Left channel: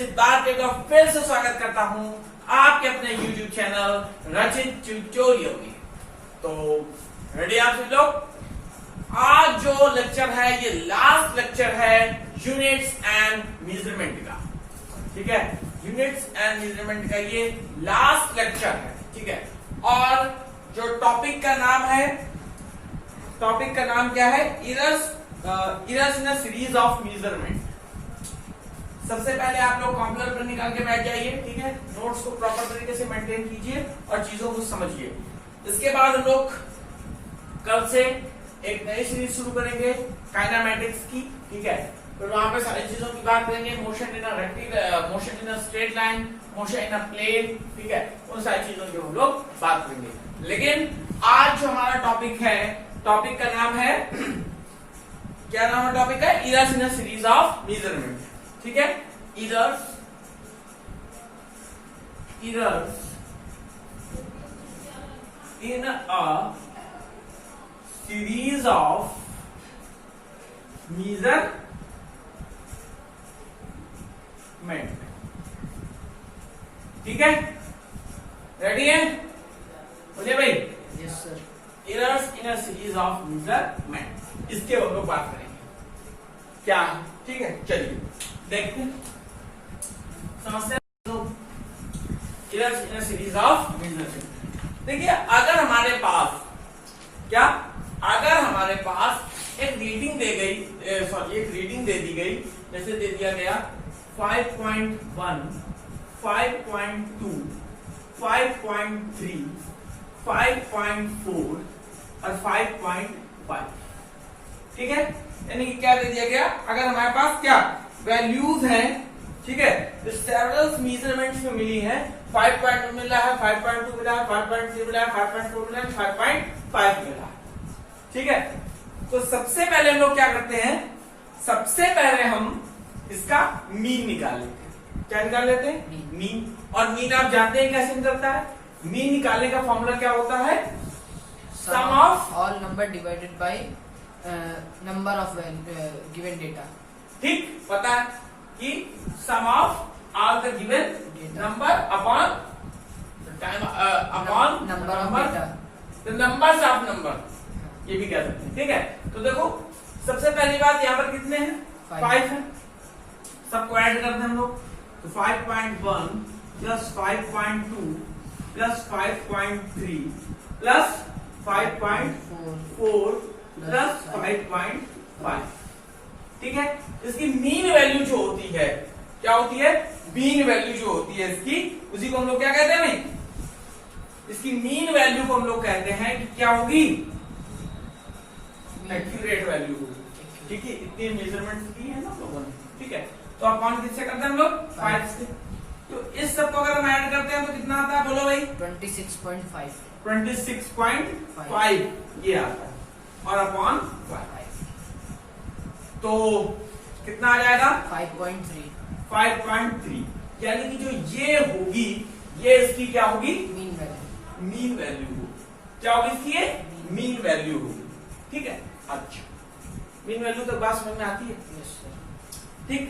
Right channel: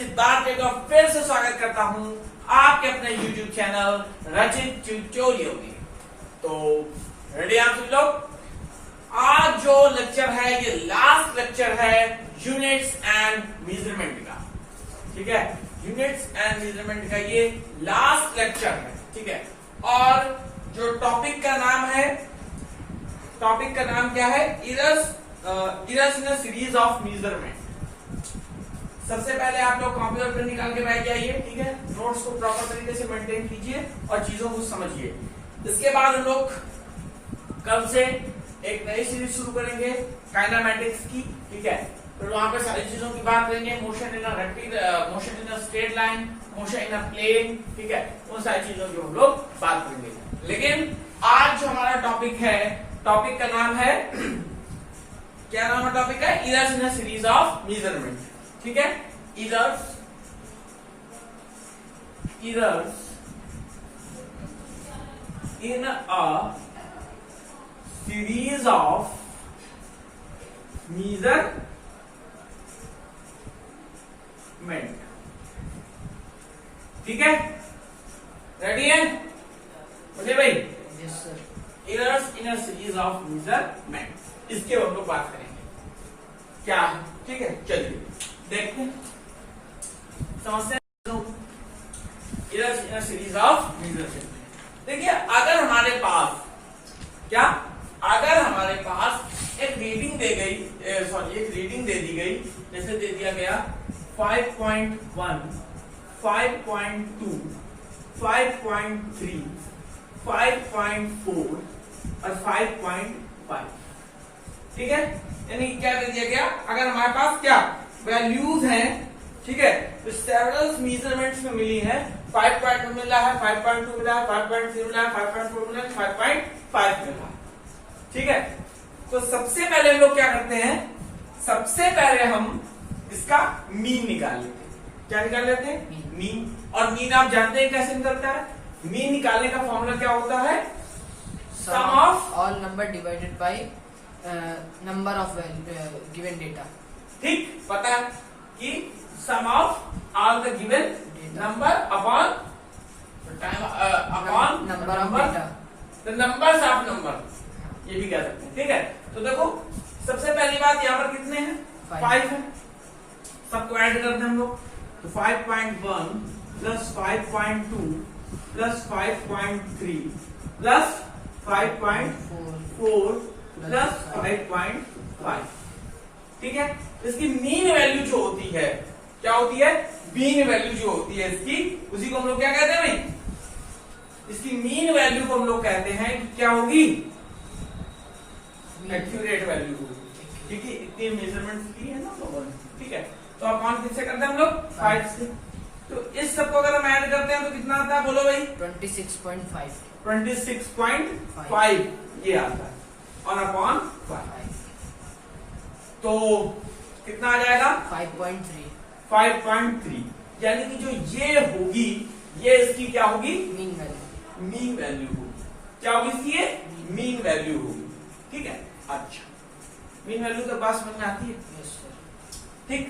रचित बार का फिर से स्वागत करता हूं आपके अपने YouTube चैनल रचित ट्यूटोरियल में। तो रेडी आप सभी लोग? आज जो लेक्चर है ये लास्ट लेक्चर है यूनिट्स एंड मेजरमेंट का। ठीक है, यूनिट्स एंड मेजरमेंट का ये लास्ट लेक्चर है। ठीक है, और जो टॉपिक का नाम है, टॉपिक का नाम क्या है? Errors in a series of measurement. सबसे पहले आप लोग कॉम्प्यूटर पर निकाल के बैठ जाइए। ठीक है, नोट्स को प्रॉपर तरीके से मेंटेन कीजिए और चीजों को समझिए। इसके बाद हम लोग कल से एक नई सीरीज शुरू करेंगे काइनेमैटिक्स की। ठीक है, फिर वहां पे सारी चीजों की बात करेंगे, motion in a rectangle, motion in a straight line, motion in a plane. ठीक है, उन सारी चीजों की हम लोग बात करेंगे। लेकिन आज जो हमारा टॉपिक है, टॉपिक का नाम है, क्या नाम है टॉपिक का? Errors in a series of measurement. ठीक है, errors in a series of measurement. ठीक है, रेडी है? बोलिए भाई। Yes sir. Errors in a series of measurement, इसके हम लोग बात करेंगे क्या है। ठीक है, चलिए देखते हैं, समझते हैं errors in a series of measurement. देखिए, अगर हमारे पास क्या, अगर हमारे पास एक रीडिंग दे गई, सॉरी एक रीडिंग दे दी गई, जैसे दे दिया गया 5.1, 5.2, 5.3, 5.4 और 5.5। ठीक है, यानी कि क्या दे दिया गया? अगर हमारे पास क्या वैल्यूज हैं, ठीक है, तो सेवरल मेजरमेंट्स में मिली है। 5.2 मिला है, 5.2 मिला है, 5.3 मिला है, 5.4 मिला है, 5.5 मिला है। ठीक है, तो सबसे पहले हम लोग क्या करते हैं? सबसे पहले हम इसका मीन निकाल लेते हैं। क्या निकाल लेते हैं? मीन। और मीन आप जानते हैं कैसे निकलता है? मीन निकालने का फॉर्मूला क्या होता है? Sum of all number divided by number of given data. ठीक, पता है कि sum of all the given number upon number of data, the numbers of number, ये भी कह सकते हैं। ठीक है, तो देखो सबसे पहली बात, यहाँ पर कितने हैं? 5 है। सबको ऐड करते हैं हम लोग, तो 5.1 प्लस 5.2 प्लस 5.3 प्लस 5.4 प्लस 5.5। ठीक है, इसकी मीन वैल्यू जो होती है, क्या होती है? मीन वैल्यू जो होती है इसकी, उसी को हम लोग क्या कहते हैं भाई? इसकी मीन वैल्यू को हम लोग कहते हैं कि क्या होगी? एक्यूरेट वैल्यू होगी। ठीक है, इतनी मेजरमेंट की है ना लोगों ने। ठीक है, तो अपॉन किससे करते हैं हम लोग? 5 से। तो इस सबको अगर हम ऐड करते हैं तो कितना आता है? बोलो भाई। 26.5। 26.5 ये आता है, और अपॉन 5 तो कितना आ जाएगा? 5.3 5.3। यानी कि जो ये होगी, ये इसकी क्या होगी? Mean value. मीन वैल्यू होगी। क्या होगी इसकी? ये मीन वैल्यू होगी। ठीक है, अच्छा, मीन वैल्यू तक बात समझ में आती है? Yes sir. ठीक,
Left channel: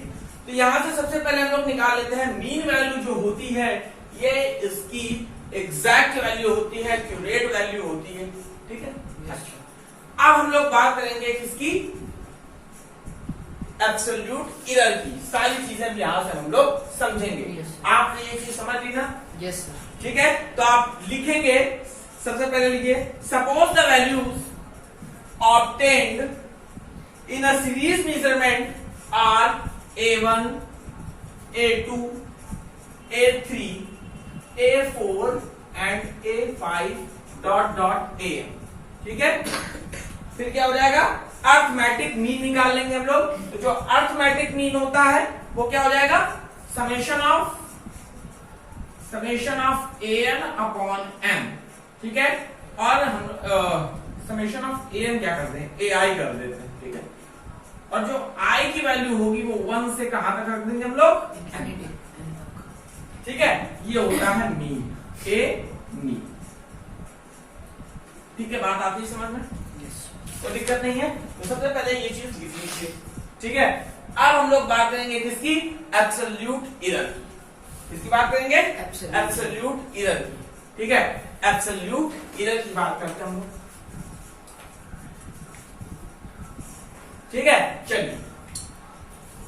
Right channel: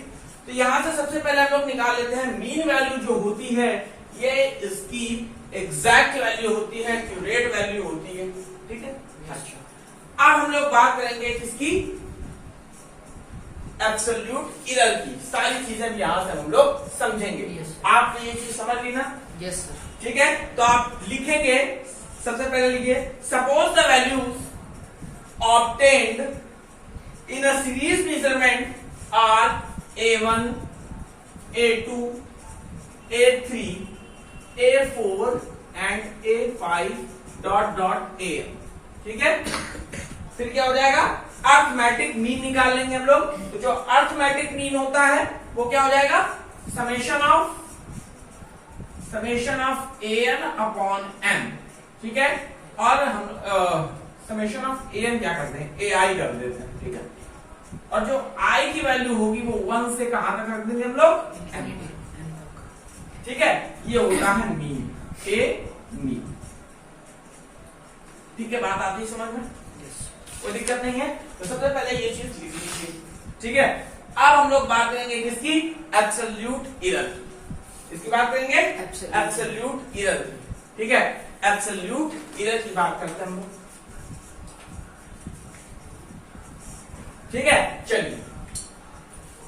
तो यहां से सबसे पहले हम लोग निकाल लेते हैं मीन वैल्यू जो होती है, ये इसकी एग्जैक्ट वैल्यू होती है, एक्यूरेट वैल्यू होती है। ठीक है, अच्छा, अब हम लोग बात करेंगे किसकी? एब्सोल्यूट एरर की। सारी चीजें यहां से हम लोग समझेंगे। Yes, आपने ये चीज समझ ली ना? Yes sir. ठीक है, तो आप लिखेंगे, सबसे पहले लिखिए, suppose the values obtained in a series measurement are A1, A2, A3, A4 and A5 dot dot AM। ठीक है, फिर क्या हो जाएगा? अर्थमेटिक मीन निकाल लेंगे हम लोग। तो जो अर्थमेटिक मीन होता है वो क्या हो जाएगा? Summation of AN upon M। ठीक है, और हम समेशन ऑफ AN क्या करते हैं? AI कर देते हैं। ठीक है, और जो I की वैल्यू होगी वो 1 से कहां तक रख देंगे हम लोग? N। ठीक है, ये होता है मीन, A मीन। ठीक है, बात आती है समझ में? कोई दिक्कत नहीं है। तो सबसे पहले ये चीज लिख लीजिए। ठीक है, अब हम लोग बात करेंगे किसकी? एब्सोल्यूट एरर की। किसकी बात करेंगे? एब्सोल्यूट एरर की। ठीक है, एब्सोल्यूट एरर की बात करते हैं हम लोग। ठीक है, चलिए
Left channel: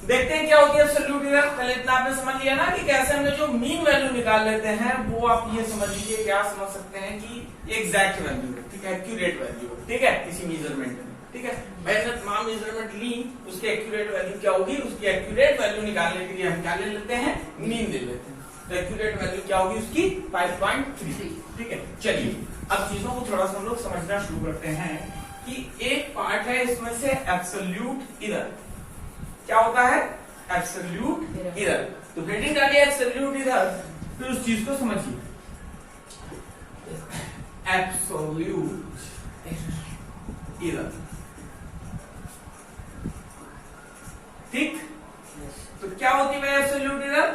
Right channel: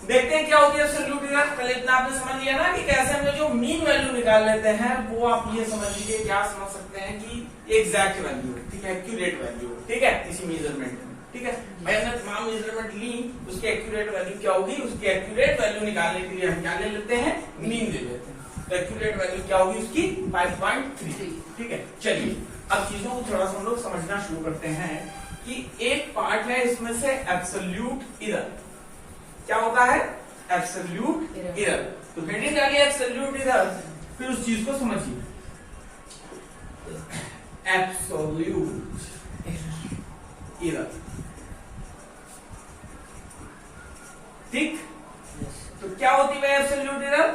देखते हैं क्या होती है एब्सोल्यूट एरर। पहले इतना आपने समझ लिया ना कि कैसे हमने जो मीन वैल्यू निकाल लेते हैं वो आप ये समझ लीजिए, क्या समझ सकते हैं कि एग्जैक्ट वैल्यू है। ठीक है, एक्यूरेट वैल्यू है। ठीक है, किसी मेजरमेंट में। ठीक है, मैंने तमाम मेजरमेंट ली, उसकी एक्यूरेट वैल्यू क्या होगी? उसकी एक्यूरेट वैल्यू निकालने के लिए हम क्या ले लेते हैं? मीन ले लेते हैं। तो एक्यूरेट वैल्यू क्या होगी उसकी? 5.3। ठीक है, चलिए अब चीजों को थोड़ा सा हम लोग समझना शुरू करते हैं कि एक पार्ट है इसमें से एब्सोल्यूट एरर। क्या होता है? Absolute error. तो हेडिंग डालिए एब्सोल्यूट एरर, फिर उस चीज को समझिए। Absolute error. ठीक, तो क्या होती है absolute error?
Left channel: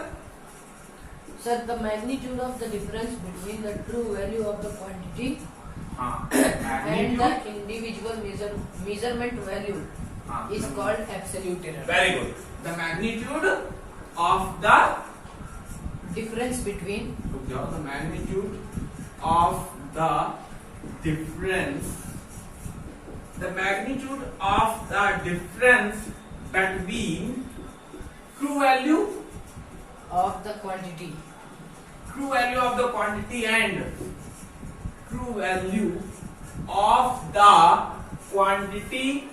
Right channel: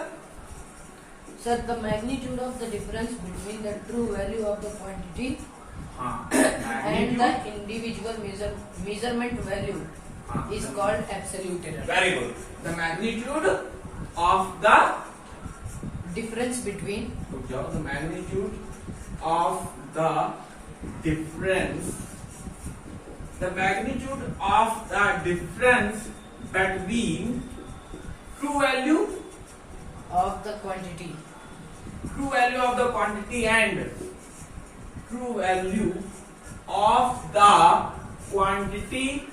Sir, the magnitude of the difference between the true value of the quantity and the individual measurement value is called absolute error. Very good. The magnitude of the Difference between the magnitude of the difference, the magnitude of the difference between true value of the quantity of the quantity and true value of the quantity,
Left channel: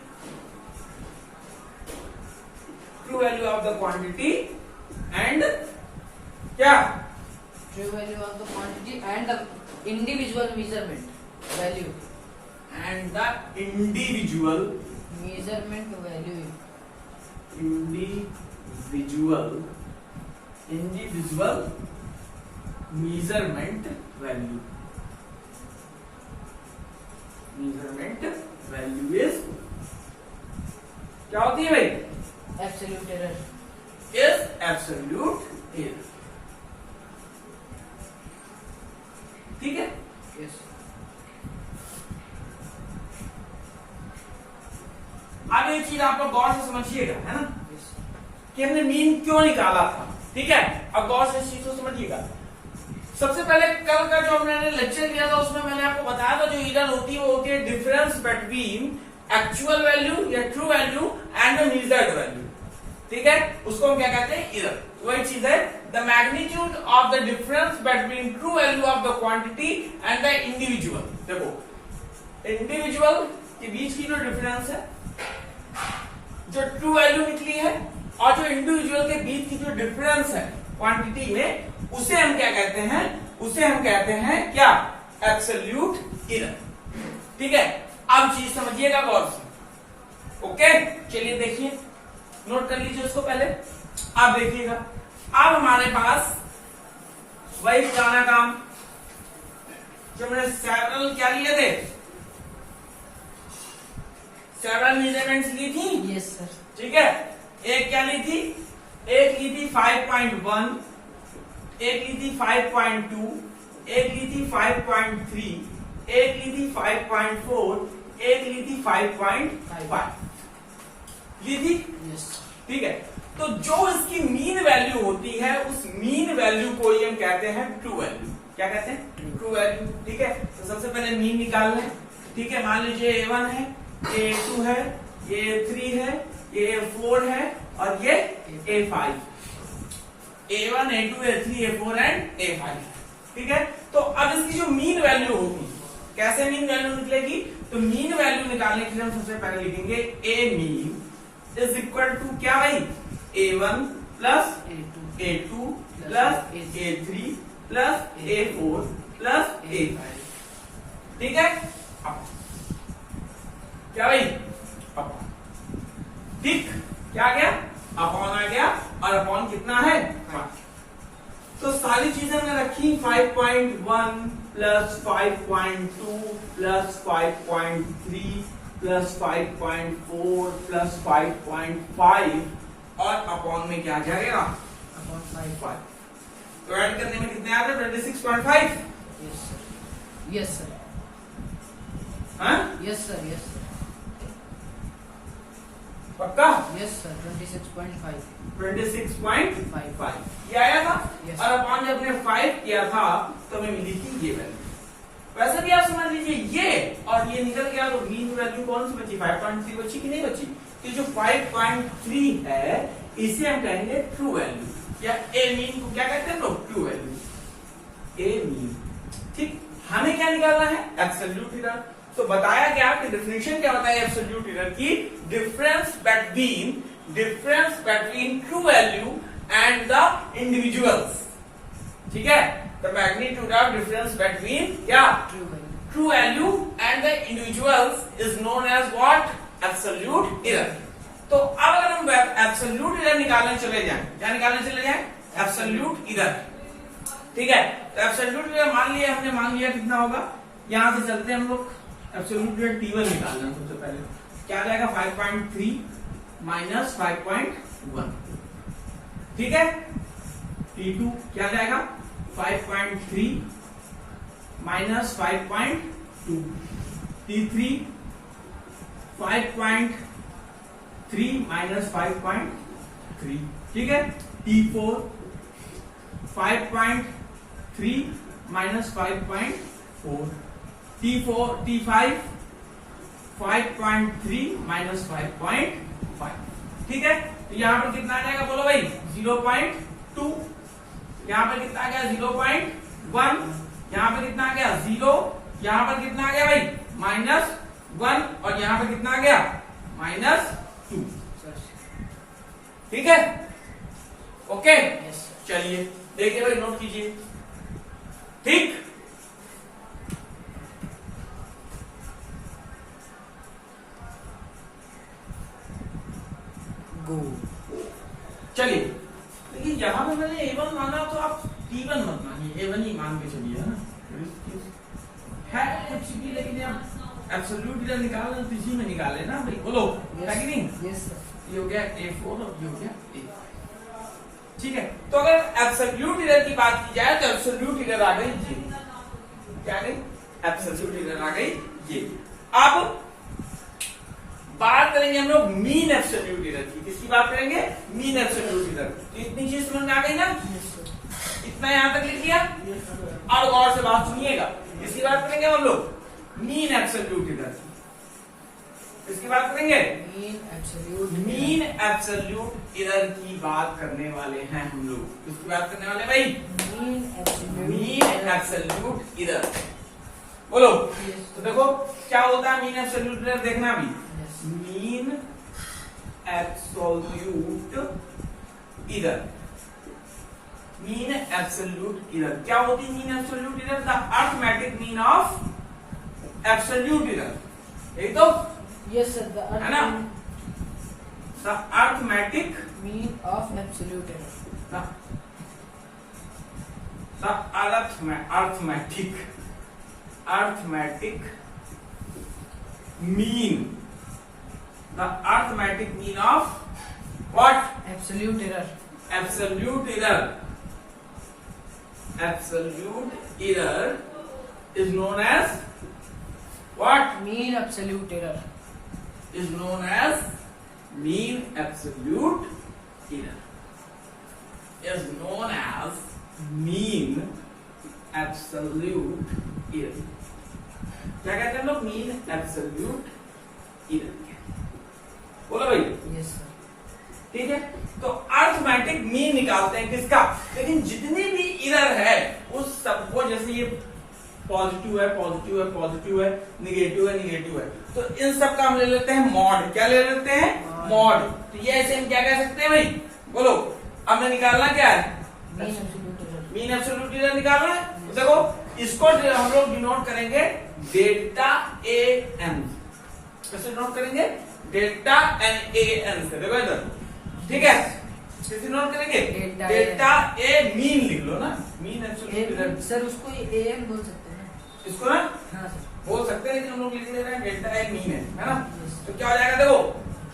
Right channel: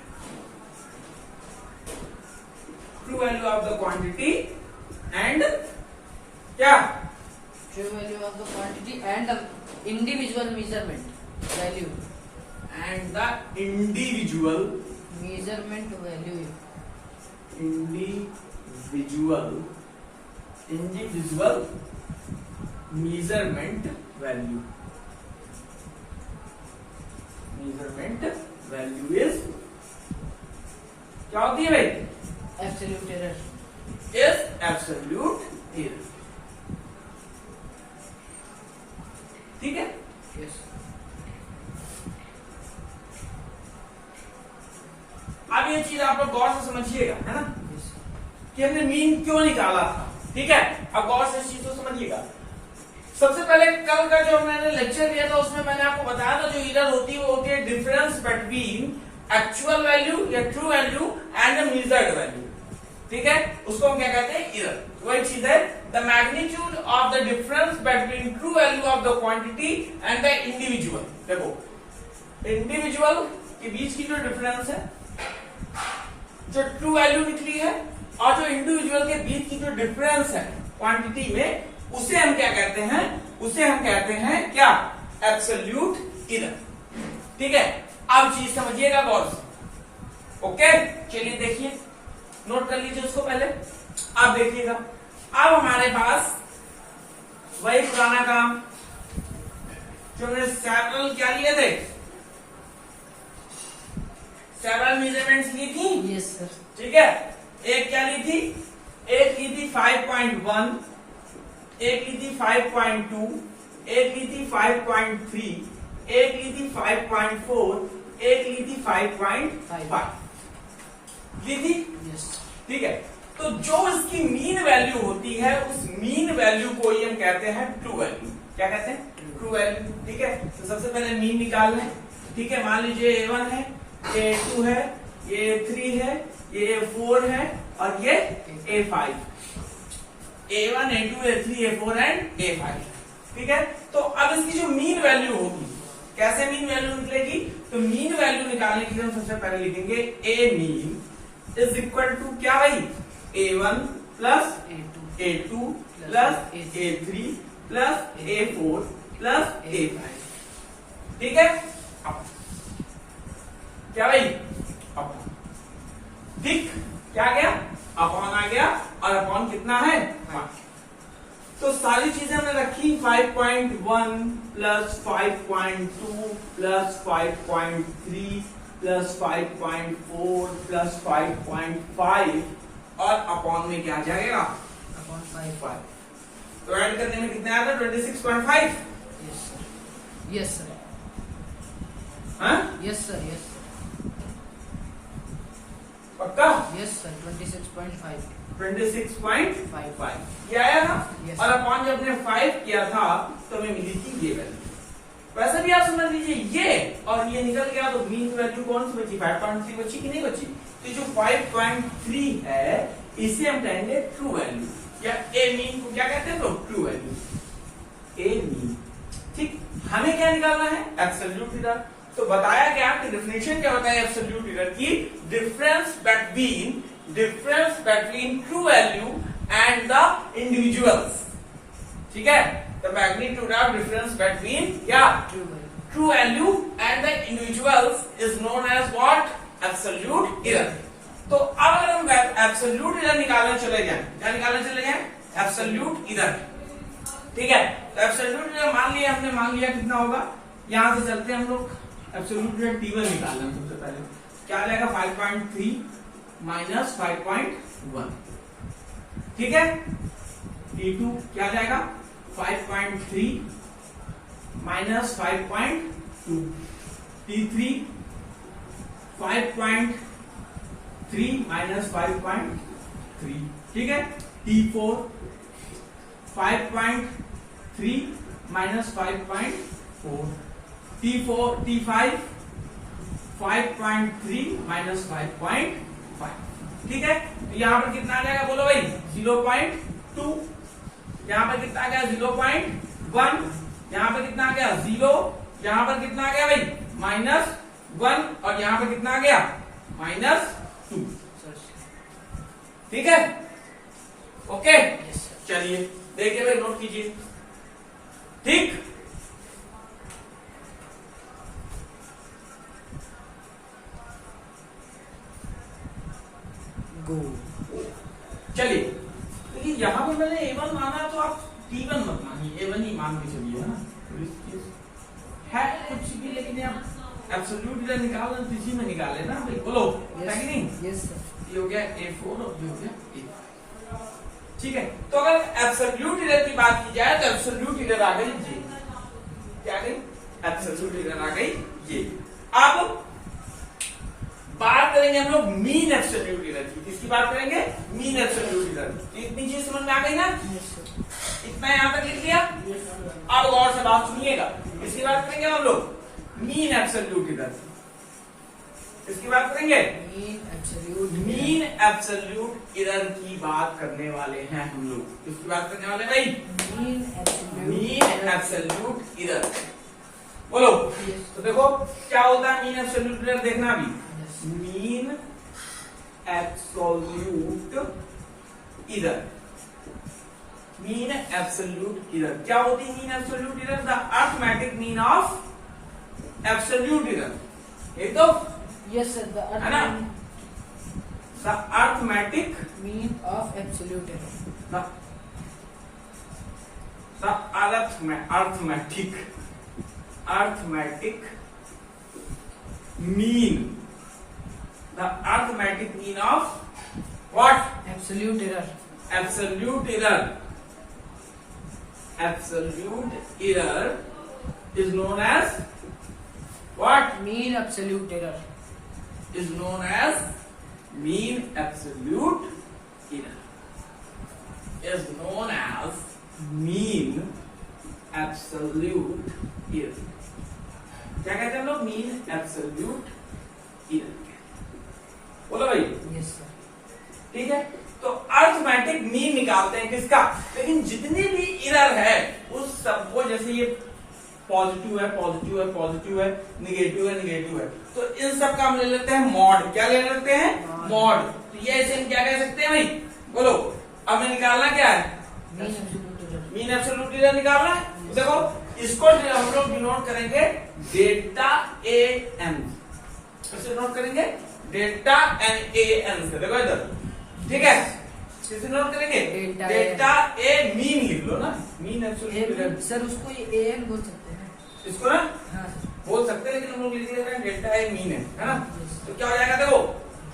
true value of the quantity and क्या? true value of the quantity and the individual measurement value. And the individual Measurement value. individual measurement value. Measurement value is क्या होती है भाई? Absolute error. Is absolute error. ठीक है, Yes. अब ये चीज आप लोग गौर से समझिएगा, है ना, Yes. कि हमने मीन क्यों निकाला था। ठीक है, अब गौर से इस चीज को समझिएगा। सबसे पहले कल का जो मैंने लेक्चर दिया था उसमें मैंने आपको बताया था जो एरर होती है वो होती है डिफरेंस बिटवीन एक्चुअल वैल्यू या true value and the measured value. ठीक है, उसको हम क्या कहते हैं? एरर। वही चीज है the magnitude of the difference between true value of the quantity and the individual. देखो, इंडिविजुअल के बीच की जो डिफरेंस है, जो ट्रू वैल्यू निकली है, और जो इंडिविजुअल के बीच की जो डिफरेंस है क्वांटिटी में, उसे हम क्या कहते हैं? उसे हम कहते हैं क्या? Absolute error. ठीक है, अब चीज समझिएगा गौर से। ओके, चलिए देखिए, नोट कर लीजिए उसको पहले। अब देखिएगा, अब हमारे पास वही पुराना काम जो हमने सेवरल क्या लिए थे, सेवरल मेजरमेंट्स ली थी। Yes, sir. ठीक है, एक क्या ली थी? एक ली थी 5.1, एक ली थी 5.2, एक ली थी 5.3, एक ली थी 5.4, एक ली थी 5.5 ली थी। Yes. ठीक है, तो जो इसकी मीन वैल्यू होती है उस मीन वैल्यू को ही हम कहते हैं ट्रू वैल्यू। क्या कहते हैं? True value. ठीक है, तो सबसे पहले मीन निकालना है। ठीक है, मान लीजिए A1 है, ये A2 है, ये A3 है, ये A4 है और ये A5। A1, A2, A3, A4 and A5। ठीक है, तो अब इसकी जो मीन वैल्यू होगी, कैसे मीन वैल्यू निकलेगी? तो मीन वैल्यू निकालने के लिए हम सबसे पहले लिखेंगे A mean is equal to क्या भाई? A1 plus A2 plus A3 plus A4 plus A5। ठीक है, अब क्या भाई? अब ठीक, क्या आ गया? अपॉन आ गया, और अपॉन कितना है? 5। तो सारी चीजें हमने रखी, 5.1 प्लस 5.2 प्लस 5.3 प्लस 5.4 प्लस 5.5 और अपॉन में क्या आ जाएगा? Upon 5. तो ऐड करने में कितना आया था? 26.5। Yes, sir. Yes, sir. हाँ, Yes, sir. Yes, sir. पक्का? यस सर 26.5 26.5 ये आया था। Yes. और अपॉन जब हमने 5 किया था तो हमें मिली थी ये वैल्यू। वैसे भी आप समझ लीजिए ये और ये निकल गया तो मीन वैल्यू कौन सी बची? 5.3 बची कि नहीं बची? तो जो 5.3 है इसे हम कहेंगे ट्रू वैल्यू, या ए मीन को क्या कहते हैं लोग? True value, a mean. ठीक, हमें क्या निकालना है? Absolute error. तो बताया गया कि डेफिनेशन क्या होता है एब्सोल्यूट एरर की? Difference between true value and the individuals. ठीक है, the magnitude of difference between क्या? True value and the individuals is known as what? Absolute error. तो अब अगर हम एब्सोल्यूट एरर निकालने चले जाएं, क्या निकालने चले जाएं? Absolute error. ठीक है, तो एब्सोल्यूट एरर मान लिया हमने, मान लिया कितना होगा? यहां से चलते हैं हम लोग, एब्सोल्यूट एरर T1 निकालना है सबसे पहले। क्या आ जाएगा? 5.3 माइनस 5.1। ठीक है, T2 क्या आ जाएगा? 5.3 माइनस 5.2। T3 5.3 minus 5.3। ठीक है, T4 5.3 माइनस 5.4। T5 5.3 minus 5.5। ठीक है, तो यहां पर कितना आ जाएगा बोलो भाई? 0.2। यहां पर कितना आ गया? 0.1। यहां पर कितना आ गया? 0। यहां पर कितना आ गया भाई? -1। और यहां पर कितना आ गया? -2। ठीक है, ओके। चलिए देखिए भाई, नोट कीजिए। ठीक, गो। चलिए देखिए, यहां पर मैंने A1 माना तो आप T1 मत मानिए, A1 ही मान के चलिए, है ना? है कुछ भी, लेकिन आप एब्सोल्यूट एरर निकालना तो इसी में निकाले ना भाई, बोलो है कि नहीं? Yes sir. ये हो गया A4 और ये हो गया A5। ठीक है, तो अगर एब्सोल्यूट एरर की बात की जाए तो एब्सोल्यूट एरर आ गई ये। क्या गई? एब्सोल्यूट एरर आ गई ये। अब बात करेंगे हम लोग मीन एब्सोल्यूट एरर की। किसकी बात करेंगे? Mean absolute error. तो इतनी चीज समझ में आ गई ना? इतना यहां तक लिख लिया। और गौर से बात सुनिएगा, किसकी बात करेंगे हम लोग? Mean absolute error. किसकी बात करेंगे? मीन एब्सोल्यूट एरर की बात करने वाले हैं हम लोग। किसकी बात करने वाले भाई? Mean absolute error. बोलो। तो देखो क्या होता है मीन एब्सोल्यूट एरर, देखना भी। Mean absolute error. Mean absolute error क्या होती है? Mean absolute error the arithmetic mean of absolute error. एक तो यस सर, है ना? The arithmetic mean of absolute error. The arithmetic mean, the arithmetic mean of what? Absolute error. Absolute error. Absolute error is known as what? Mean absolute error. Is known as mean absolute error. Is known as mean absolute error. क्या कहते हैं हम लोग? Mean absolute error. बोलो भाई। Yes sir. ठीक है, तो अरिथमेटिक मीन निकालते हैं किसका? लेकिन जितनी भी एरर है उस सबको, जैसे ये पॉजिटिव है, पॉजिटिव है, पॉजिटिव है, निगेटिव है, निगेटिव है, तो इन सब का हम ले लेते हैं मॉड। क्या ले लेते हैं? मॉड। तो ये ऐसे हम क्या कह सकते हैं भाई? बोलो। अब मैं निकालना क्या है? Mean absolute error. Mean absolute error निकालना है। तो देखो इसको हम लोग डिनोट करेंगे डेल्टा ए एन। कैसे डिनोट करेंगे? डेल्टा एन ए एन से। देखो इधर, ठीक है, कैसे नोट करेंगे? डेल्टा ए मीन लिख लो ना, मीन एब्सोल्यूट एरर। सर उसको ए एन बोल सकते हैं ना? इसको ना हाँ सर, बोल सकते हैं, लेकिन हम लोग लिख ले रहे हैं डेल्टा ए मीन है ना? तो क्या हो जाएगा? देखो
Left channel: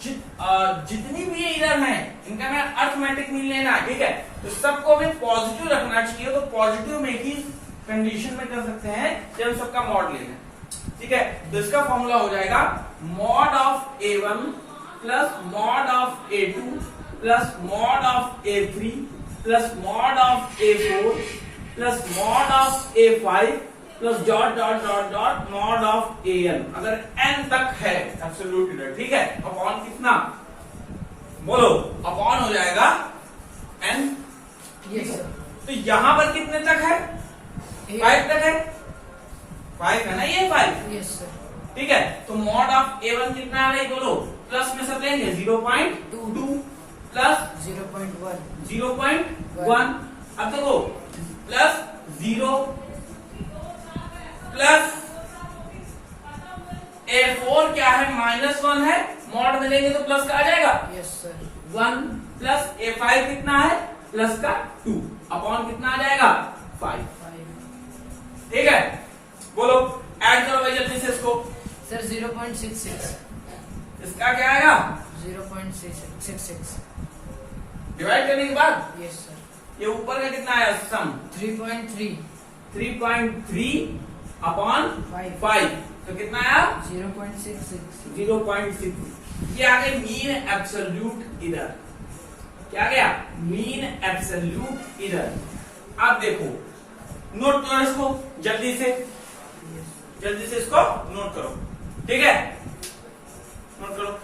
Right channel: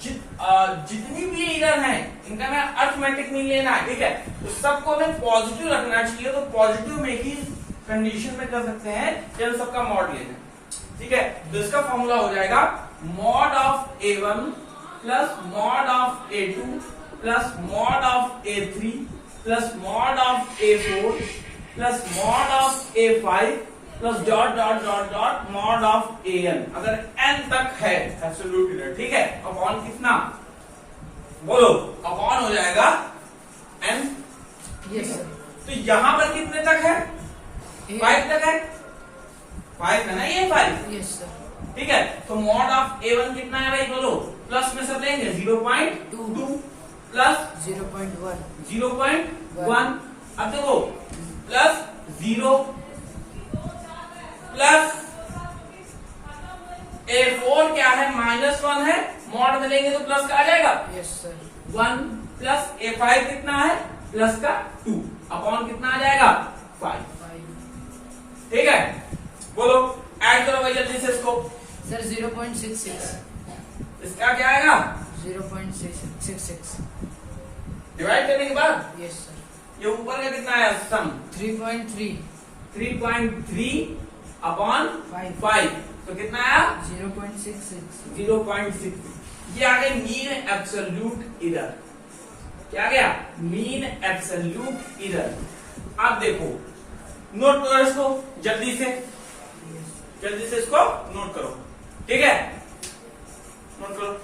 जितनी भी एरर है इनका ना अरिथमेटिक मीन लेना है, ठीक है? तो सबको हमें पॉजिटिव रखना चाहिए, तो पॉजिटिव में ही कंडीशन में कर सकते हैं जब सबका मॉड लेना है, ठीक है? तो इसका फॉर्मूला हो जाएगा mod of A1 plus mod of A2 plus mod of A3 plus mod of A4 plus mod of A5 plus dot dot dot dot mod of AN, अगर n तक है एब्सोल्यूट इरर, ठीक है, upon कितना बोलो, upon हो जाएगा n। Yes sir. तो यहां पर कितने तक है, 5 तक है, 5 है ना, ये 5। Yes sir. ठीक है, तो मॉड ऑफ A1 कितना आ रहा है बोलो, प्लस में सब लेंगे 0.2 प्लस 0.1 0.1। अब देखो प्लस 0 प्लस A4 क्या है, -1 है, मॉड में लेंगे तो प्लस का आ जाएगा यस सर। 1 प्लस A5 कितना है, प्लस का 2 अपॉन कितना आ जाएगा 5। 5 ठीक है, बोलो ऐड करो भाई जल्दी से इसको। सर 0.66 इसका क्या आएगा, 0.66 डिवाइड करने के बाद यस सर। ये ऊपर का कितना आया, सम 3.3 3.3 अपॉन 5 5, तो कितना आया 0.66 0.6। ये आ गई मीन एब्सोल्यूट इरर। क्या गया, मीन एब्सोल्यूट इरर। अब देखो नोट करो इसको जल्दी से, जल्दी से इसको नोट करो, ठीक है, नोट करो।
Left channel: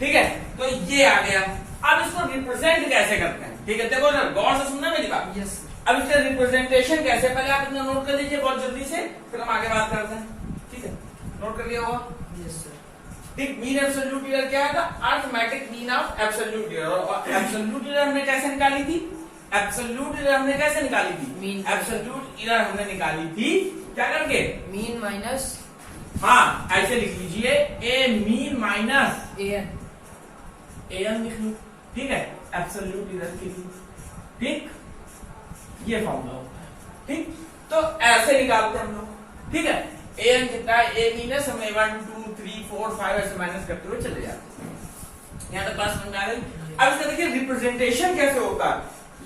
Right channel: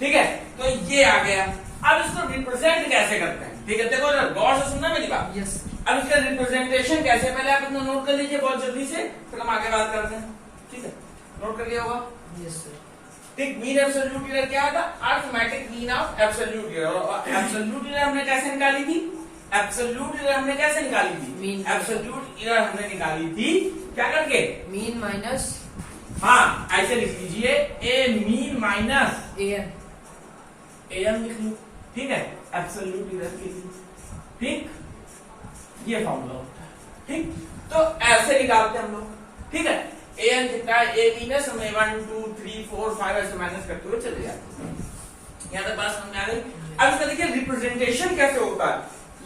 ठीक है, तो ये आ गया। अब इसको रिप्रेजेंट कैसे करते हैं, ठीक है, देखो ना, गौर से सुनना मेरी बात। यस। अब इसका रिप्रेजेंटेशन कैसे, पहले आप इतना नोट कर लीजिए बहुत जल्दी से, फिर हम आगे बात करते हैं। ठीक है, नोट कर लिया होगा। Yes sir. ठीक, मीन एब्सोल्यूट इरर क्या था, arithmetic mean of absolute error. और एब्सोल्यूट इरर हमने कैसे निकाली थी, एब्सोल्यूट इरर हमने कैसे निकाली थी, मीन। एब्सोल्यूट इरर हमने निकाली थी क्या करके, मीन माइनस हाँ ऐसे लिख लीजिए, ए मीन माइनस AN। AN लिख लो, ठीक है, एब्सोल्यूट इरर के लिए। ठीक, ये फॉर्मूला होता है। ठीक, तो ऐसे निकालते हैं हम लोग। ठीक है, AN कितना है, A माइनस हमें 1 2 3 4 5 ऐसे माइनस करते हुए चले जाते हैं। यहाँ तक बात समझ में आ गई। अब इसका देखिए रिप्रेजेंटेशन कैसे होता है,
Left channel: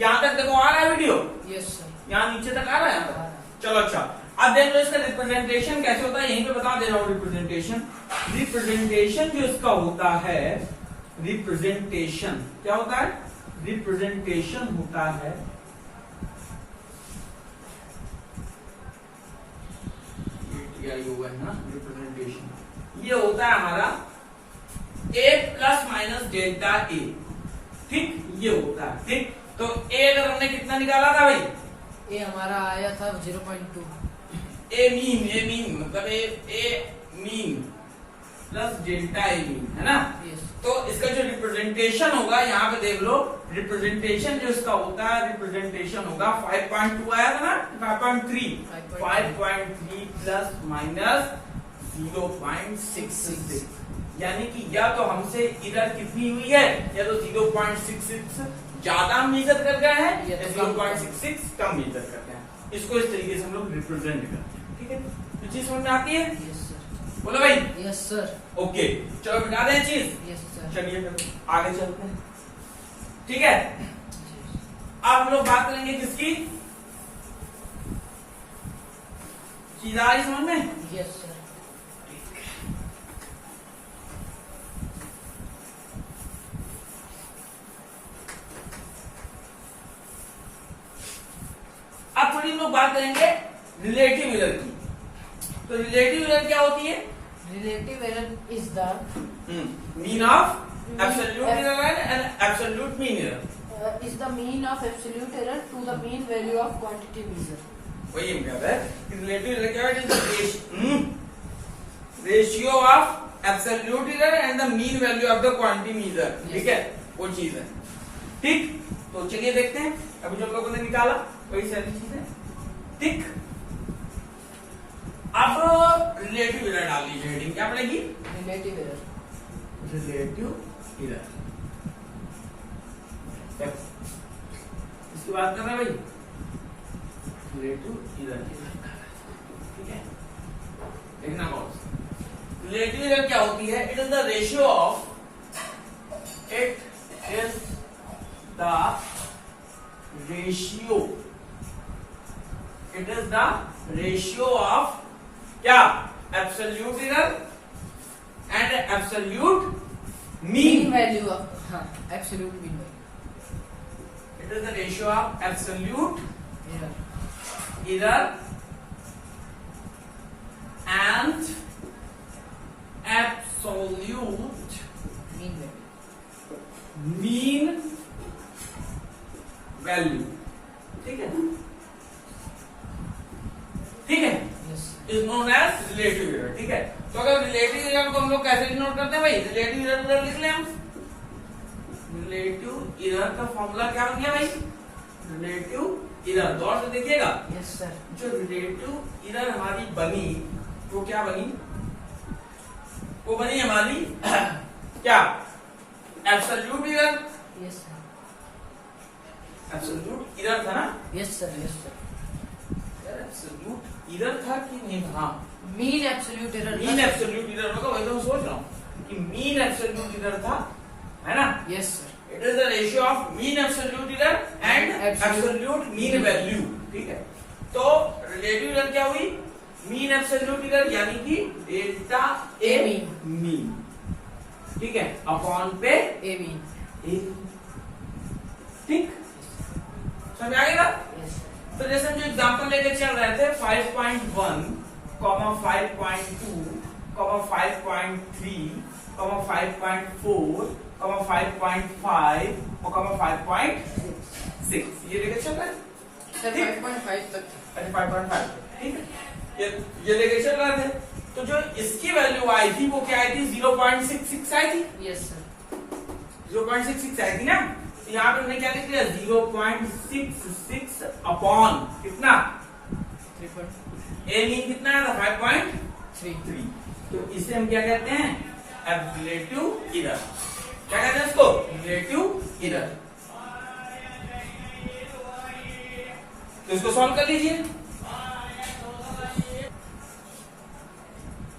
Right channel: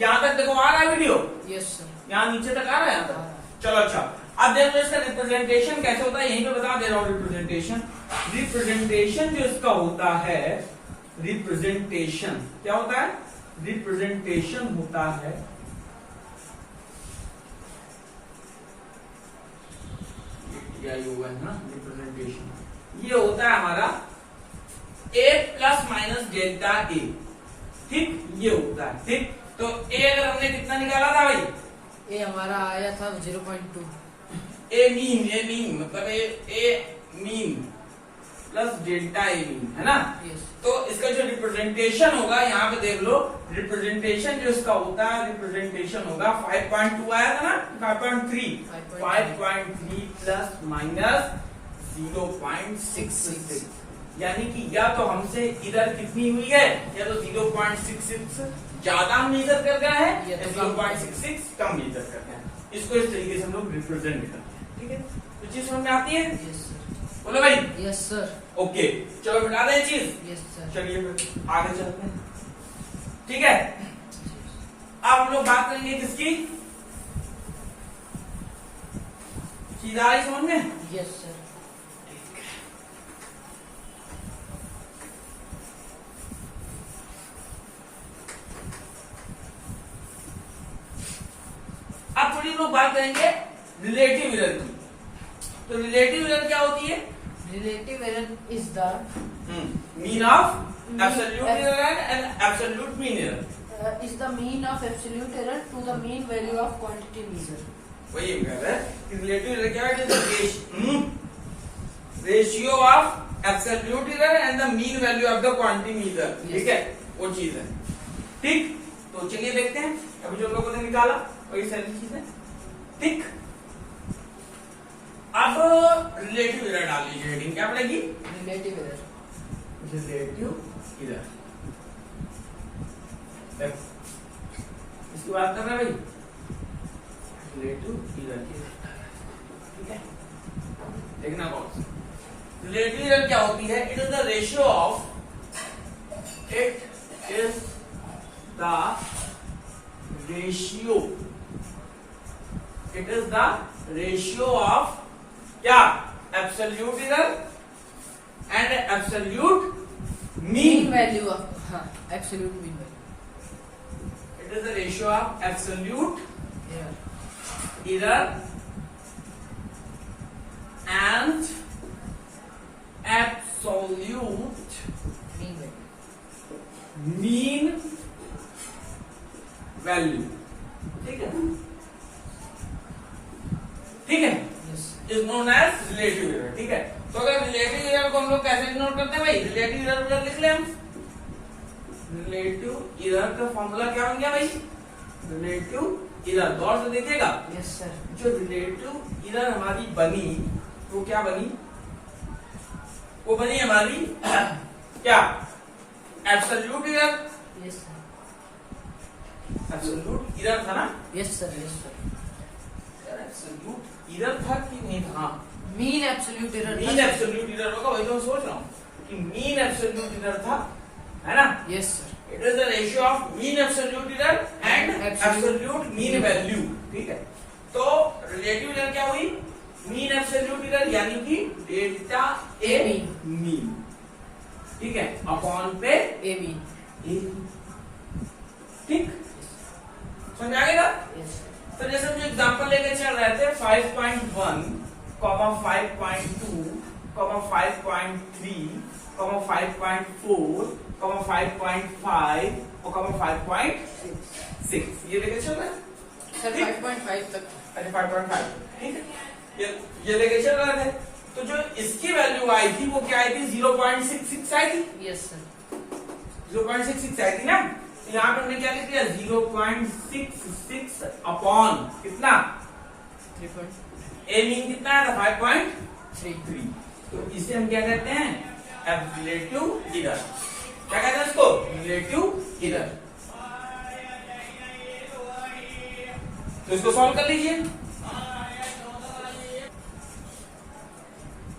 यहाँ तक देखो आ रहा है वीडियो, यस सर। यहाँ नीचे तक आ रहा है, यहाँ आ रहा है। तक चलो। अच्छा, अब देख लो इसका रिप्रेजेंटेशन कैसे होता है, यहीं पे बता दे रहा हूँ। रिप्रेजेंटेशन जो इसका होता है, रिप्रेजेंटेशन क्या होता है, रिप्रेजेंटेशन होता है रिप्रेजेंटेशन, ये होता है हमारा A plus minus delta A। ठीक, ये होता है। ठीक, तो A अगर हमने कितना निकाला था भाई, ए हमारा आया था 0.2। ए मीन मतलब ए mean plus delta A mean, है ना। यस। तो इसका जो रिप्रेजेंटेशन होगा, यहाँ पे देख लो, रिप्रेजेंटेशन जो इसका होता है, रिप्रेजेंटेशन होगा 5.2 आया था ना, 5.3 प्लस माइनस 0.66, यानी कि या तो हमसे इधर कितनी हुई है, या तो 0.66 ज्यादा मेजर कर गए हैं, या 0.66 कम मेजर कर गए हैं। इसको इस तरीके से हम लोग रिप्रेजेंट करते हैं। ठीक है, तो चीज समझ में आती है, यस सर। बोलो भाई। Yes sir. ओके, चलो मिटा दें चीज, यस सर। चलिए फिर आगे चलते हैं। ठीक है, अब हम लोग बात करेंगे किसकी, चीज आ रही समझ में। Yes sir. अब थोड़ी लोग बात करेंगे रिलेटिव इरर की। तो रिलेटिव इरर क्या होती है, Relative error is the mean of absolute error and absolute mean error. is the mean of absolute error to the mean value of quantity measure. वही हम कह रहे हैं कि रिलेटिव इरर क्या है, ratio of absolute error and the mean value of the quantity measure. ठीक है, वो चीज है। ठीक, तो चलिए देखते हैं, अभी जो लोगों ने निकाला वही सारी चीजें। ठीक, अब रिलेटिव इरर डाल लीजिए, हेडिंग क्या पड़ेगी, Relative error. Relative error. इसकी बात कर रहे हैं भाई, रिलेटिव इरर। ठीक है, देखना कौन, रिलेटिव इरर क्या होती है, it is the ratio of, it is the ratio, it is the ratio of क्या, absolute error and absolute mean mean. value of absolute mean value it is the ratio of absolute error error and absolute mean value mean value। ठीक है, ठीक है, yes is known as relative error. ठीक है, तो अगर relative error को हम लोग कैसे डिनोट करते हैं भाई, रिलेटिव एरर लिख ले हम। रिलेटिव एरर का फॉर्मूला क्या बन गया भाई, रिलेटिव एरर, गौर से देखिएगा। yes sir जो रिलेटिव एरर हमारी बनी वो क्या बनी, वो बनी हमारी क्या, absolute error. yes sir absolute error था ना, yes sir यार एब्सोल्यूट एरर था कि नहीं था, हाँ mean absolute error mean absolute error होगा, वही तो मैं सोच रहा हूँ कि मीन एब्सोल्यूट एरर था, है ना। yes sir it is the ratio of mean absolute error and absolute mean value. ठीक है, तो रिलेटिव एरर क्या हुई, मीन एब्सोल्यूट एरर यानी कि डेल्टा ए मीन, ठीक है, अपॉन पे a mean ए। ठीक, समझ आ गया ना। yes तो जैसे हम जो एग्जांपल लेके चल रहे थे 5.1, 5.2, 5.3, 5.4, 5.5 और 5.6 ये लेके चल रहे हैं। sir ठीक। 5.5 तक अरे 5.5, ठीक है, ये लेके चल रहे थे। तो जो इसकी वैल्यू आई थी वो क्या आई थी, 0.66 आई थी, yes sir 0.66 आई थी ना। तो यहाँ पे हमने क्या लिख दिया, 0.66 अपॉन कितना, 3.3 ए मीन कितना है, 5.3। तो इसे हम क्या कहते हैं, रिलेटिव एरर। क्या कहते हैं इसको, रिलेटिव एरर। तो इसको सॉल्व कर लीजिए।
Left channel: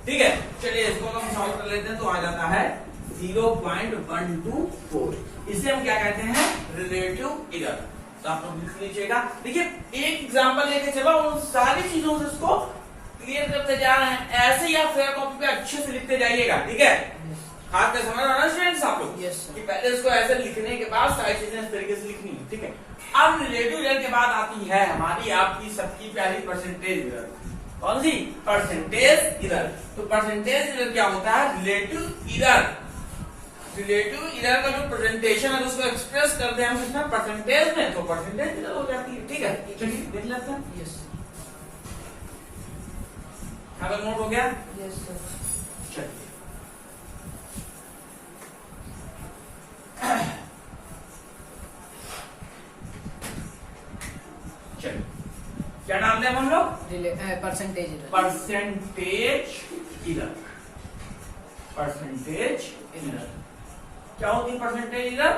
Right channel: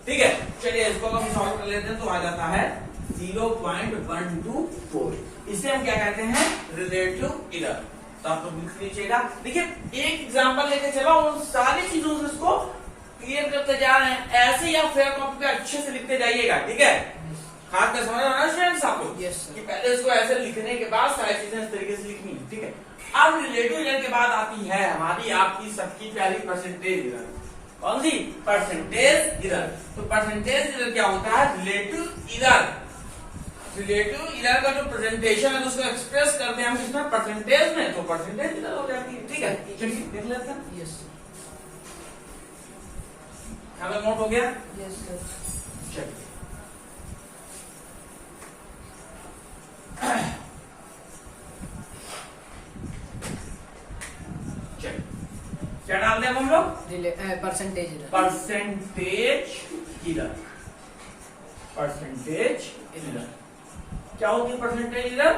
ठीक है, चलिए इसको हम सॉल्व कर लेते हैं। तो आ जाता है 0.124। इसे हम क्या कहते हैं, रिलेटिव एरर। तो आप लोग लिख लीजिएगा। देखिए एक एग्जांपल लेके चलो, उन सारी चीजों से इसको क्लियर करते जा रहे हैं। ऐसे ही आप फेयर कॉपी पे अच्छे से लिखते जाइएगा। ठीक है, खास कर समझ रहे हो ना स्टूडेंट्स आप लोग, Yes, sir. कि पहले इसको ऐसे लिखने के बाद सारी चीजें इस तरीके से लिखनी है। ठीक है, अब रिलेटिव एरर के बाद आती है हमारी आपकी सबकी प्यारी परसेंटेज एरर। कौन सी, परसेंटेज एरर। तो परसेंटेज एरर क्या होता है, रिलेटिव एरर। रिलेटिव एरर का जो प्रेजेंटेशन है उसको एक्सप्रेस करते हैं हम किसमें, परसेंटेज में, तो परसेंटेज एरर हो जाती है। ठीक है, चलिए देख लेते हैं। yes यहाँ पे नोट हो गया, yes sir चलिए चलिए क्या डाल दें हम लोग, percentage error percentage error. Percentage error क्या होगी, percentage error,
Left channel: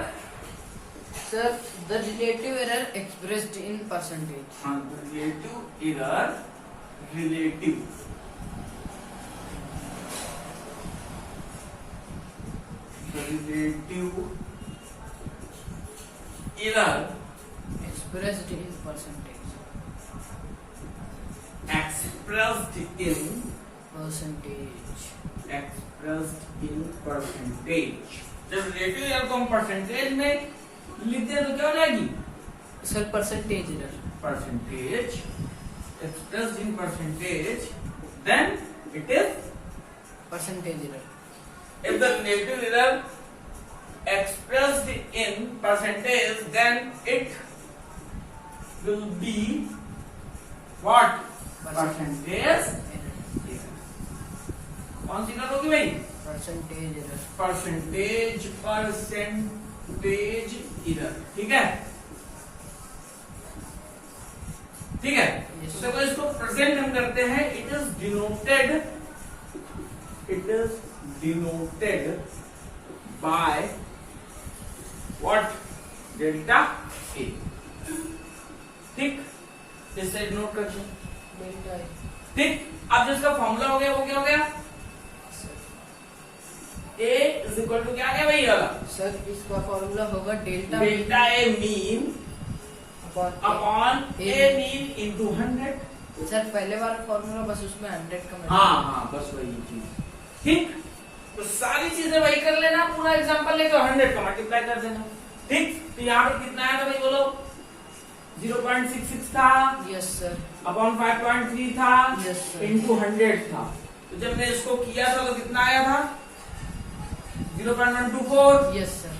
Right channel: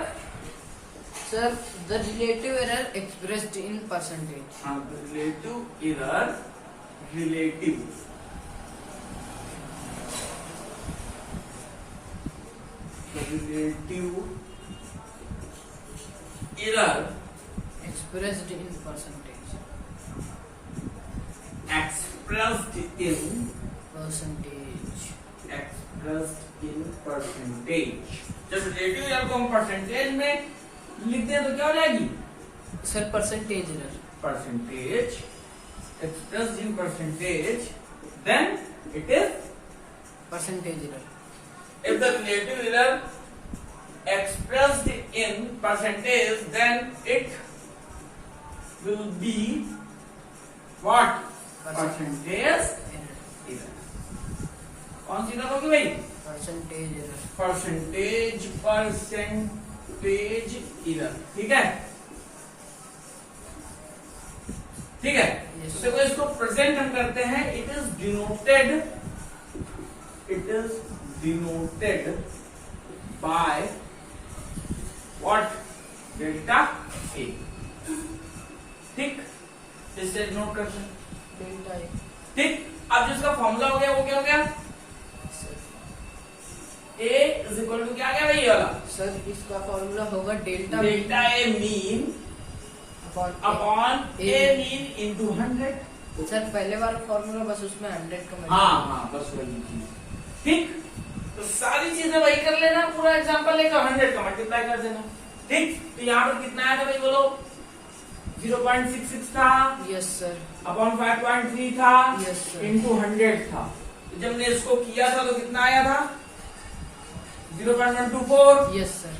sir the relative error expressed in percentage हाँ relative error, relative error expressed in percentage expressed in percentage। जब रिलेटिव एरर को हम परसेंटेज में लिखते हैं तो क्या हो जाएगी, sir percentage error percentage expressed in percentage, then it is, percentage error if the relative error expressed in percentage, then it will be what, percentage error error। कौन सी एरर होगी भाई, percentage error परसेंटेज एरर। ठीक है, ठीक है। Yes, तो देखो इसको प्रेजेंट हम करते हैं, it is denoted by what, delta A. ठीक, इससे डिनोट करते हैं। delta A ठीक, अब जिसका फॉर्मूला हो गया वो क्या हो गया, sir A is equal to क्या आ गया भाई, ये वाला sir इसका फॉर्मूला होगा delta delta A mean upon upon A A mean into 100। Sir पहले वाला फॉर्मूला बस उसमें 100 का हाँ बस वही चीज। ठीक, तो सारी चीजें वही कर लेना, पूरा एग्जांपल लेकर 100 का मल्टीप्लाई कर देना। ठीक, तो यहाँ पर कितना आया था भाई बोलो? 0.66 था। Yes sir. अपॉन 5.3 था। Yes sir. इंटू 100 था। तो जब मैंने इसको किया था तो कितना आया था? 0.124। Yes sir.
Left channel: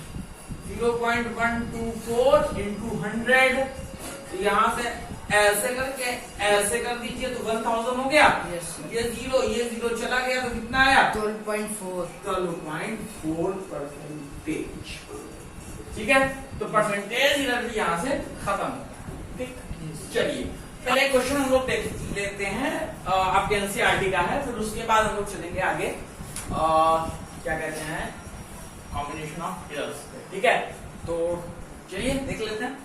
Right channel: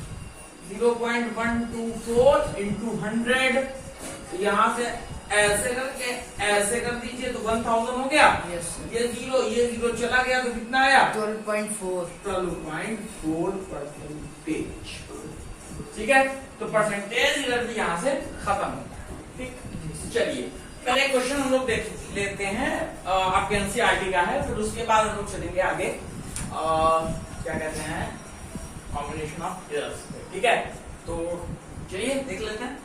0.124 इंटू 100। तो यहाँ से ऐसे करके ऐसे कर दीजिए तो 1000 हो गया। Yes sir. ये जीरो चला गया तो कितना आया? 12.4। 12.4 परसेंटेज। ठीक है, तो परसेंटेज इधर भी यहाँ से खत्म होता है। ठीक, चलिए पहले क्वेश्चन हम लोग देख लेते हैं, आपके एनसीईआरटी का है, फिर उसके बाद हम लोग चलेंगे आगे क्या कहते हैं, कॉम्बिनेशन ऑफ इयर्स। ठीक है, तो चलिए देख लेते हैं।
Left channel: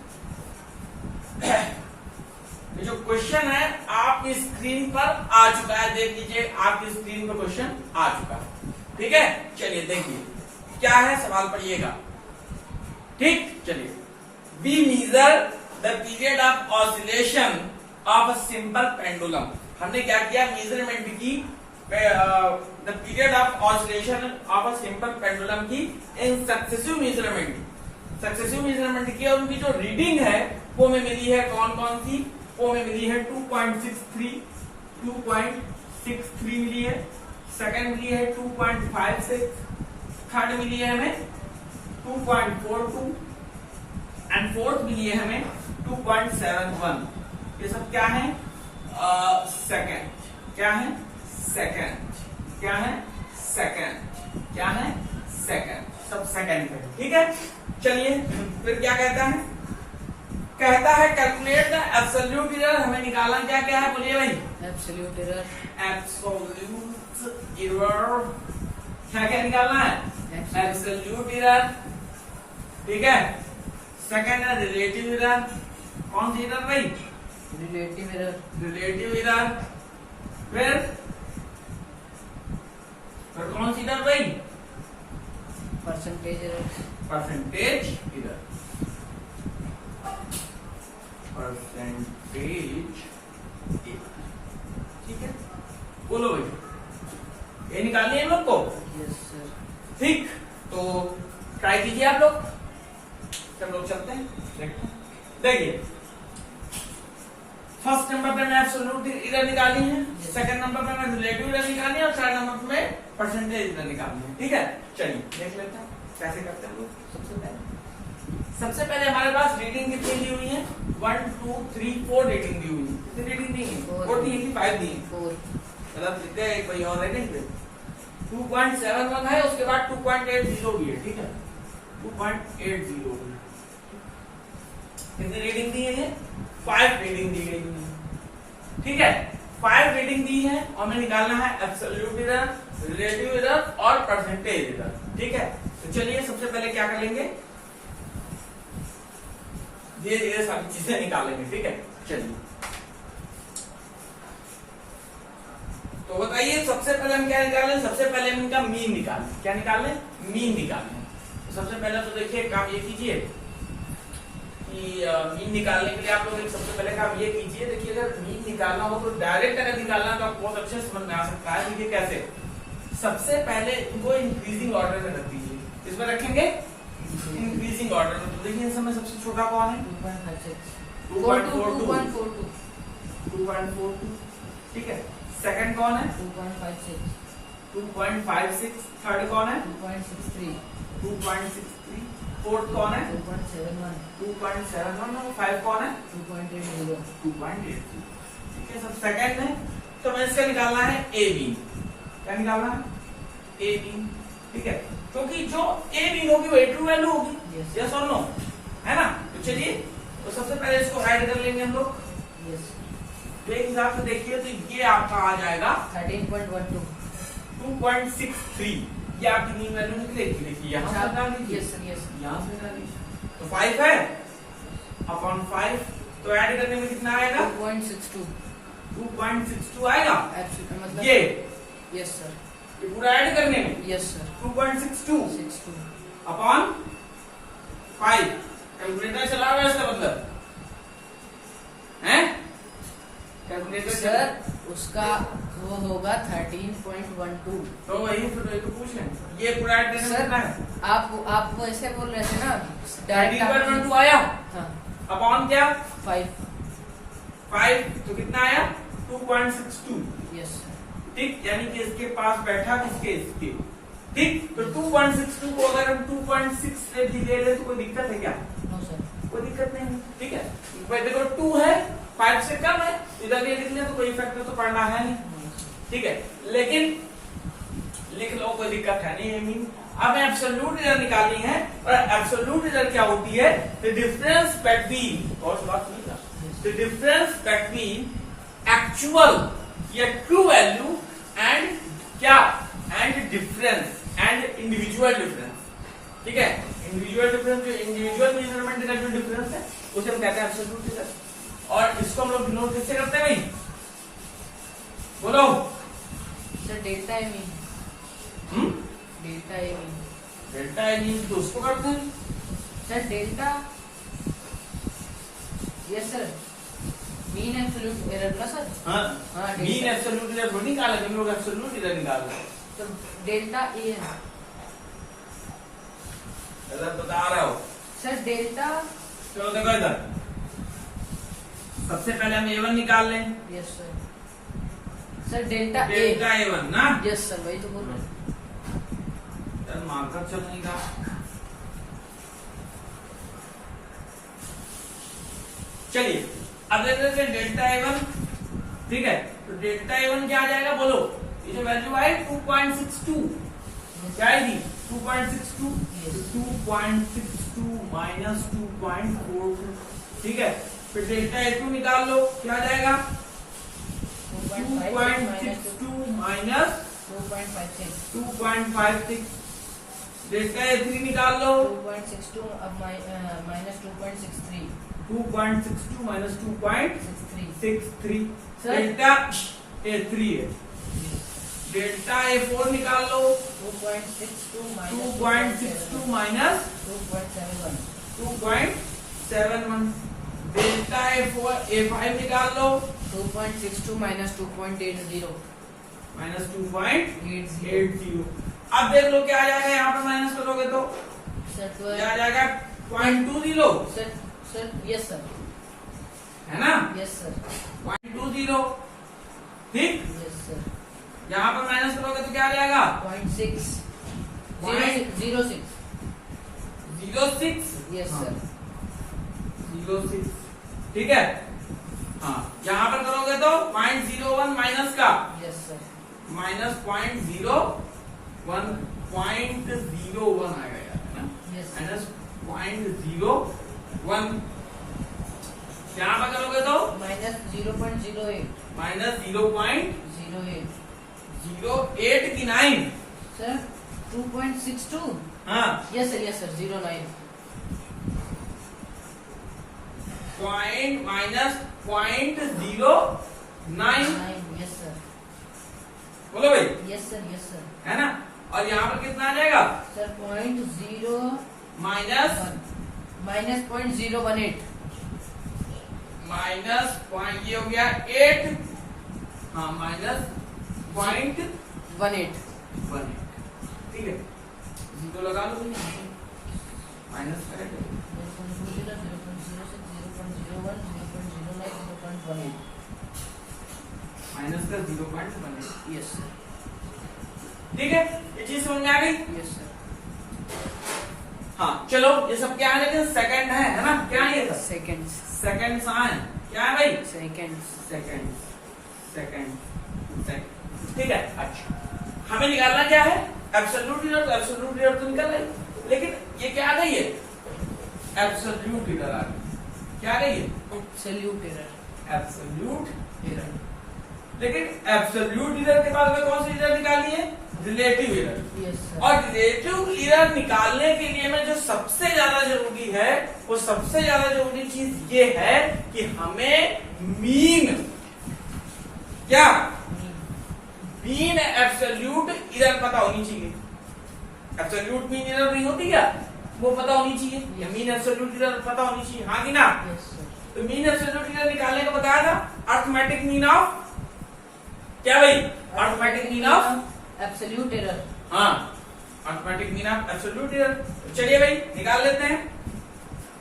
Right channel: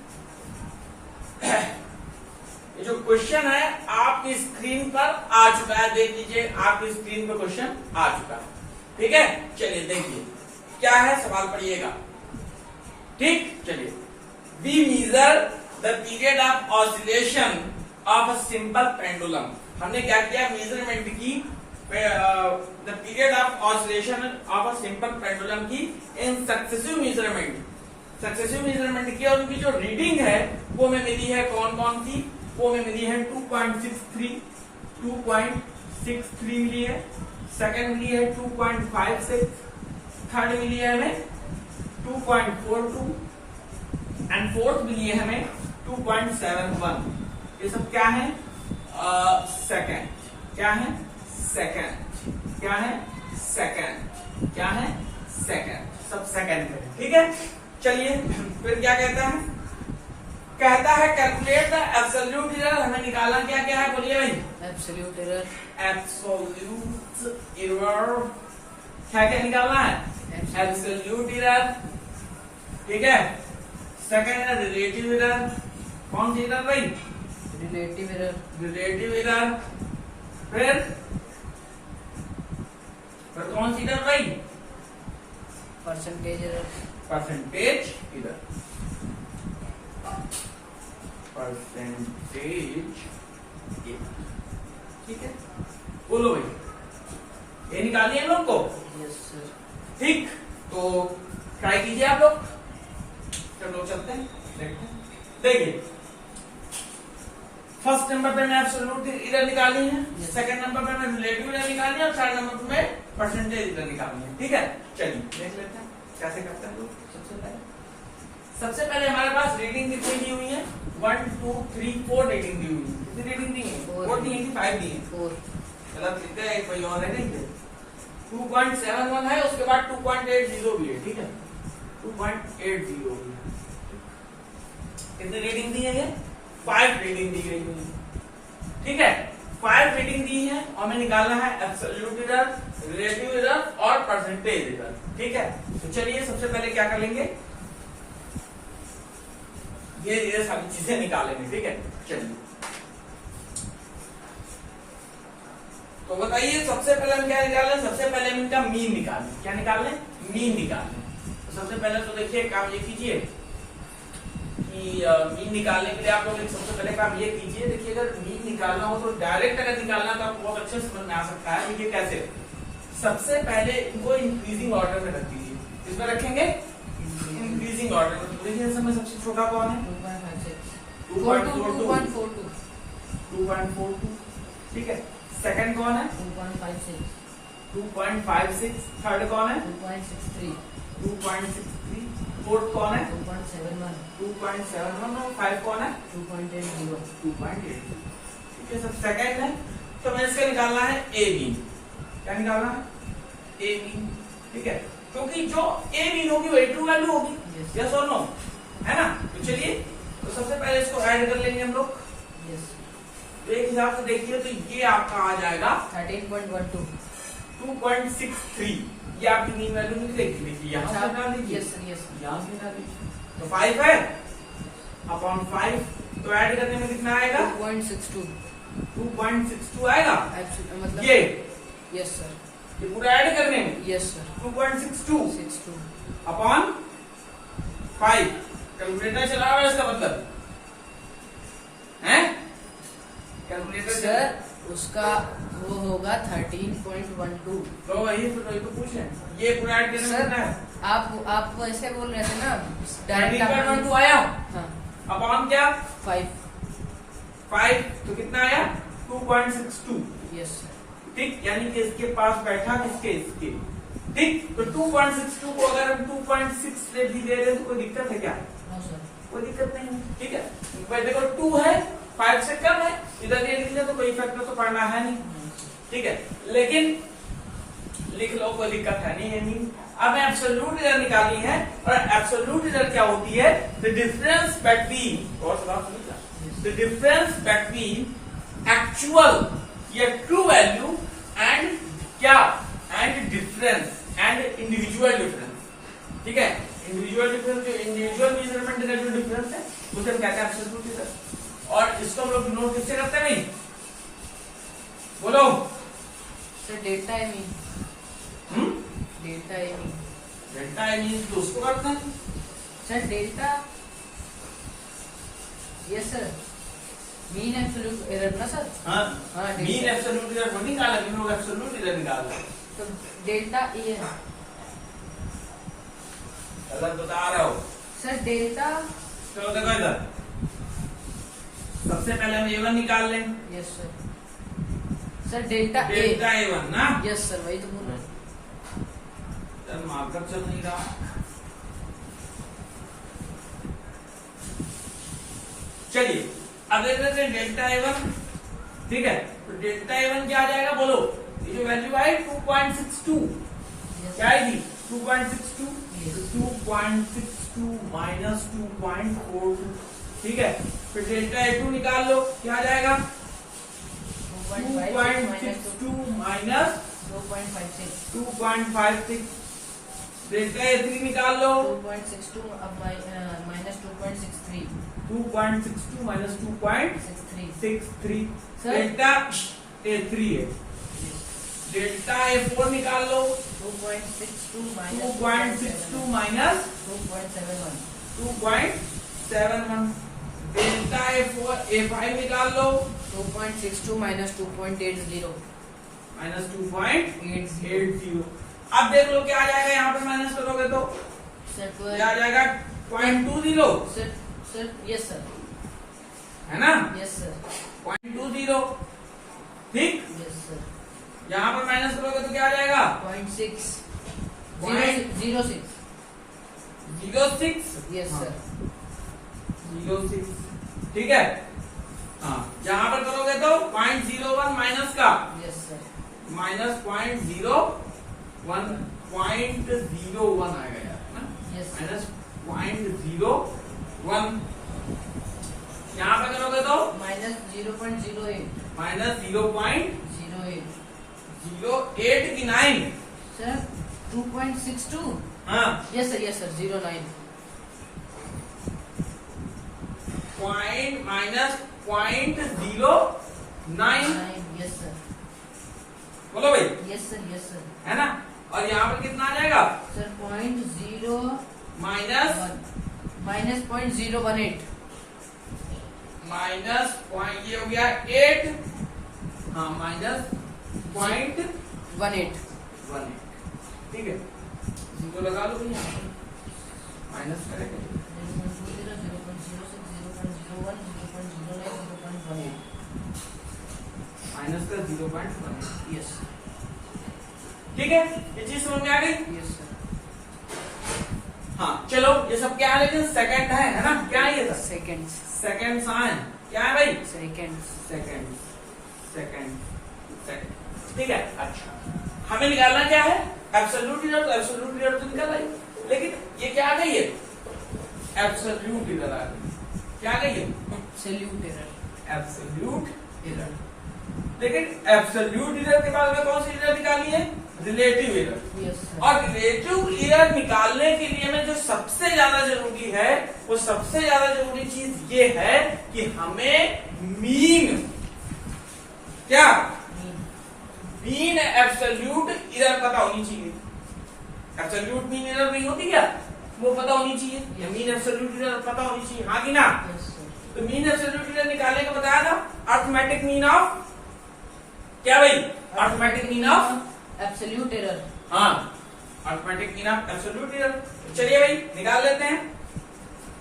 ये जो क्वेश्चन है आपकी स्क्रीन पर आ चुका है, देख लीजिए आपकी स्क्रीन पर क्वेश्चन आ चुका है। ठीक है, चलिए देखिए क्या है, सवाल पढ़िएगा। ठीक, चलिए, we measure the period of oscillation of a simple pendulum. हमने क्या किया, मेजरमेंट की the period of oscillation of a simple pendulum की इन सक्सेसिव मेजरमेंट की, और उनकी जो रीडिंग है वो हमें मिली है कौन कौन सी, वो हमें मिली है 2.63 मिली है, सेकंड मिली है 2.56, थर्ड मिली है हमें 2.42 एंड फोर्थ मिली है हमें 2.71। ये सब क्या है? सेकंड। क्या है? सेकंड। क्या है? सेकंड। क्या है? सेकंड। सब सेकंड पे। ठीक है, चलिए फिर क्या कहता है? कहता है कैलकुलेट द एब्सोल्यूट एरर। हमें निकालना क्या क्या है, बोलिए भाई? Absolute error. एब्सोल्यूट एरर क्या क्या निकालना है? Absolute error. ठीक है, सेकंड है रिलेटिव एरर। कौन सी एरर भाई? Relative error. Relative error. फिर कौन सी एरर भाई? Percentage error. Percentage error. Percentage error. ठीक है, बोलो भाई, ये निकालिए हम लोग को। Yes sir. ठीक, तो ट्राई कीजिए आप लोग। सब लोग चलते हैं, देखते हैं। देखिए, फर्स्ट नंबर पे मैं एब्सोल्यूट एरर निकाली है, सेकंड नंबर पे मैं रिलेटिव एरर निकाली है, और थर्ड नंबर पे मैं परसेंटेज एरर निकाली है। ठीक है, चलिए देख लेते हैं कैसे करते हैं लोग। सबसे पहले हमारे पास रीडिंग कितनी दी हुई है? 1 2 3 4 रीडिंग दी हुई है। कितनी रीडिंग दी है? 4 दी है कि 5 दी है? 4। गलत लिखते हैं, एक भाई और रीडिंग दे। 2.71 है, उसके बाद 2.80 भी है। ठीक है, 2.80 कितनी रीडिंग दी है? ये 5 रीडिंग दी गई है। ठीक है, 5 रीडिंग दी है, और हमें निकालना है एब्सोल्यूट एरर, रिलेटिव एरर और परसेंटेज एरर। ठीक है, तो चलिए सबसे पहले क्या कर लेंगे, ये सारी चीजें निकालेंगे। ठीक है, चलिए तो बताइए सबसे पहले हम क्या निकालें? सबसे पहले हम इनका मीन निकालें। क्या निकालें? मीन निकालें। तो सबसे पहले तो देखिए काम ये कीजिए कि मीन निकालने के लिए आप लोग सबसे पहले काम ये कीजिए, देखिए अगर मीन निकालना हो तो डायरेक्ट अगर निकालना है तो आपको बहुत अच्छे से समझ में आ सकता है। देखिए कैसे, सबसे पहले इनको इंक्रीजिंग ऑर्डर में रख दीजिए। इसमें रखेंगे इंक्रीजिंग ऑर्डर में। तो देखिए इसमें सबसे छोटा कौन है? 2.42। 2.42। ठीक है, सेकंड कौन है? 2.56। थर्ड कौन है? 2.63। फोर्थ कौन है? 2.71। और 5 कौन है? 2.80। ठीक है, सब सेकंड है। तो मैं इसका निकालना है ए बी। क्या निकालना है? A B. ठीक है, क्योंकि जो ए बी होगी वो ट्रू वैल्यू होगी। यस और नो, है ना? तो चलिए, तो सबसे पहले इसको ऐड कर लेंगे हम लोग। तो एक हिसाब से देखिए तो ये आपका आ जाएगा 13.12। 2.63। ये आपकी मीन वैल्यू निकलेगी। देखिए यहाँ से डाल दीजिए, यहाँ से डाल दीजिए। तो 5 है अपॉन 5, तो ऐड करने में कितना आएगा? 2.62 आएगा। मतलब ये यस सर, ये पूरा ऐड करने में यस सर 2.62 अपॉन 5। कैलकुलेटर चला हुआ है इसका मतलब है? कैलकुलेटर सर उसका वो होगा 13.12। तो वही तो पूछे ये पूरा डिनोमिनेटर सर कितना है? आप ऐसे बोल रहे थे ना, 13.12 आया हाँ अपॉन क्या 5। 5 तो कितना आया 2.62। Yes sir. ठीक, यानी कि इसके पास बैठा किसके इसके। ठीक, तो 2.62 को अगर हम 2.6 ले रहे तो कोई दिक्कत है क्या? No sir. कोई दिक्कत नहीं है। ठीक है, भाई देखो 2 है 5 से कम है, इधर ये लिख लिया तो कोई फैक्टर तो पढ़ना है नहीं। ठीक है, लेकिन लिख लो कोई दिक्कत है नहीं। मीन अब एब्सोल्यूट एरर निकालनी है, और एब्सोल्यूट एरर क्या होती है? द डिफरेंस बिटवीन, और द डिफरेंस बिटवीन एक्चुअल या ट्रू वैल्यू एंड क्या and difference and individual difference. ठीक है, इंडिविजुअल डिफरेंस जो इंडिविजुअल मेजरमेंट का जो डिफरेंस है उसे हम कहते हैं एब्सोल्यूट एरर। और इसको हम लोग डिनोट किससे करते हैं भाई? बोलो sir delta I mean, delta I mean. Delta I mean तो उसको करते हैं sir delta, yes sir, mean absolute error ना सर। हाँ, हाँ, मीन एब्सोल्यूट एरर नहीं निकाला, हम लोग एब्सोल्यूट एरर निकाल रहे हैं। तो डेल्टा ए है गलत बता रहे हो। सर। डेल्टा, चलो देखो इधर, सबसे पहले हम A1 निकाल लें। Yes sir. Sir delta A, delta A1 ना, यस सर, वही तो बोल रहे हैं। मार्कर चल नहीं रहा। चलिए अब देख लेते हैं डेल्टा A1। ठीक है, तो डेल्टा A1 क्या आ जाएगा बोलो? ये जो वैल्यू आई 2.62 क्या आएगी? 2.62, 2.62 माइनस 2.42। ठीक है, फिर डेल्टा A2 निकाल लो, क्या आ जाएगा? 2.62 माइनस 2.56। डेल्टा A3 निकाल लो, 2.62 अब minus 2.63। 2.62 minus 2.63। Sir? Delta A3 है। डेल्टा A4 निकाल लो, 2.62 2.62 माइनस 2.71। 2.71। डेल्टा A5 निकाल लो, 2.62 माइनस 2.80। माइनस 2.80। अब देख लो क्या आ जाएगा, यहाँ पे माइनस करोगे तो सर क्या आ जाएगा? 0.20। सर सर, यस सर, है ना, यस सर, 0.20। ठीक, यस सर। यहाँ पर माइनस करोगे तो क्या आ जाएगा? 0.6 Point- 06। 06। Yes sir. 06। ठीक है, हाँ, यहाँ पर करोगे तो 0.01 माइनस का यस सर। माइनस 0.01 आएगा यार, है ना, यस सर। माइनस 0.01। यहाँ पर करोगे तो माइनस 0.08। माइनस 0.08 08 की 9। सर 2.62। हाँ, yes sir 09। Point minus 0.09। Yes sir, बोलो भाई, यस सर, यस सर। है ना, और यहाँ पर कितना आ जाएगा? Sir 0.01 minus minus 0.018। Minus point ये हो गया 8। हाँ, माइनस 0.18। 18। ठीक है, जीरो लगा लो भैया, माइनस करेंगे 0.20, 0.06, 0.01, 0.09, 0.18। माइनस का 0.18। यस ठीक है, ये चीज समझ में आ गई। Yes sir. हाँ, चलो ये सब क्या है, लेकिन सेकंड है ना, क्या है ये सब? सेकेंड्स, सेकंड साइन क्या है भाई? सेकेंड्स। Second second second. ठीक है, अच्छा, हमें निकालना क्या है? Absolute error. तो एब्सोल्यूट एरर तो निकाल आई, लेकिन ये क्या आ गई है? एब्सोल्यूट एरर आ गई। क्या आ गई है? Absolute error. Absolute error. लेकिन एब्सोल्यूट एरर के बाद में कौन सी एरर निकाली है? Relative error. Yes sir. और रिलेटिव एरर निकालने के लिए में जो सबसे ज्यादा जरूरी है, वो सबसे ज्यादा जरूरी चीज ये है कि हमें मीन, क्या मीन एब्सोल्यूट एरर पता होनी चाहिए। एब्सोल्यूट मीन एरर नहीं होती क्या? वो पता होनी चाहिए, या मीन एब्सोल्यूट एरर पता होनी चाहिए, हाँ कि ना? Yes, sir. तो मीन एब्सोल्यूट एरर निकालने का बताया था, अर्थमेटिक मीन ऑफ क्या भाई? Arithmetic mean of Absolute error. हाँ, arithmetic mean of absolute error. चलिए भाई निकाल लेते हैं।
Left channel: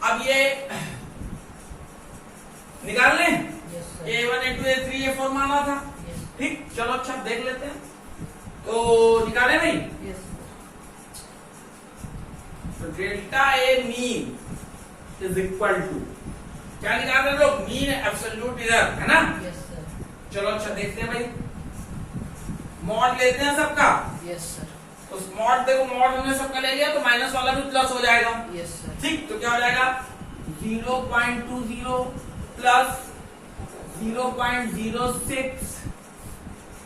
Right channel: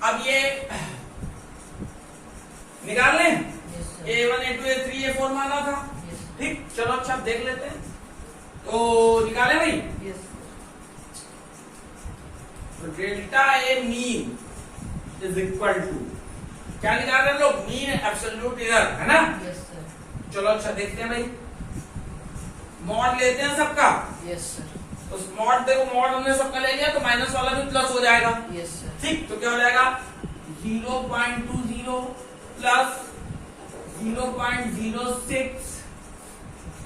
अब ये निकाल लें, Yes, sir. A1 A2 A3 A4 माना था, Yes. ठीक। चलो अच्छा देख लेते हैं, तो निकाले भाई। Yes. तो delta A mean is equal to क्या निकाल रहे हैं लोग? मीन एब्सोल्यूट एरर, है ना? Yes, sir. चलो अच्छा देखते हैं भाई, मॉड लेते हैं सबका। Yes, sir. उस मॉड देखो, मॉड हमने सबका ले लिया तो माइनस वाला भी प्लस हो जाएगा, Yes, sir. ठीक। तो क्या हो जाएगा? 0.20 प्लस 0.06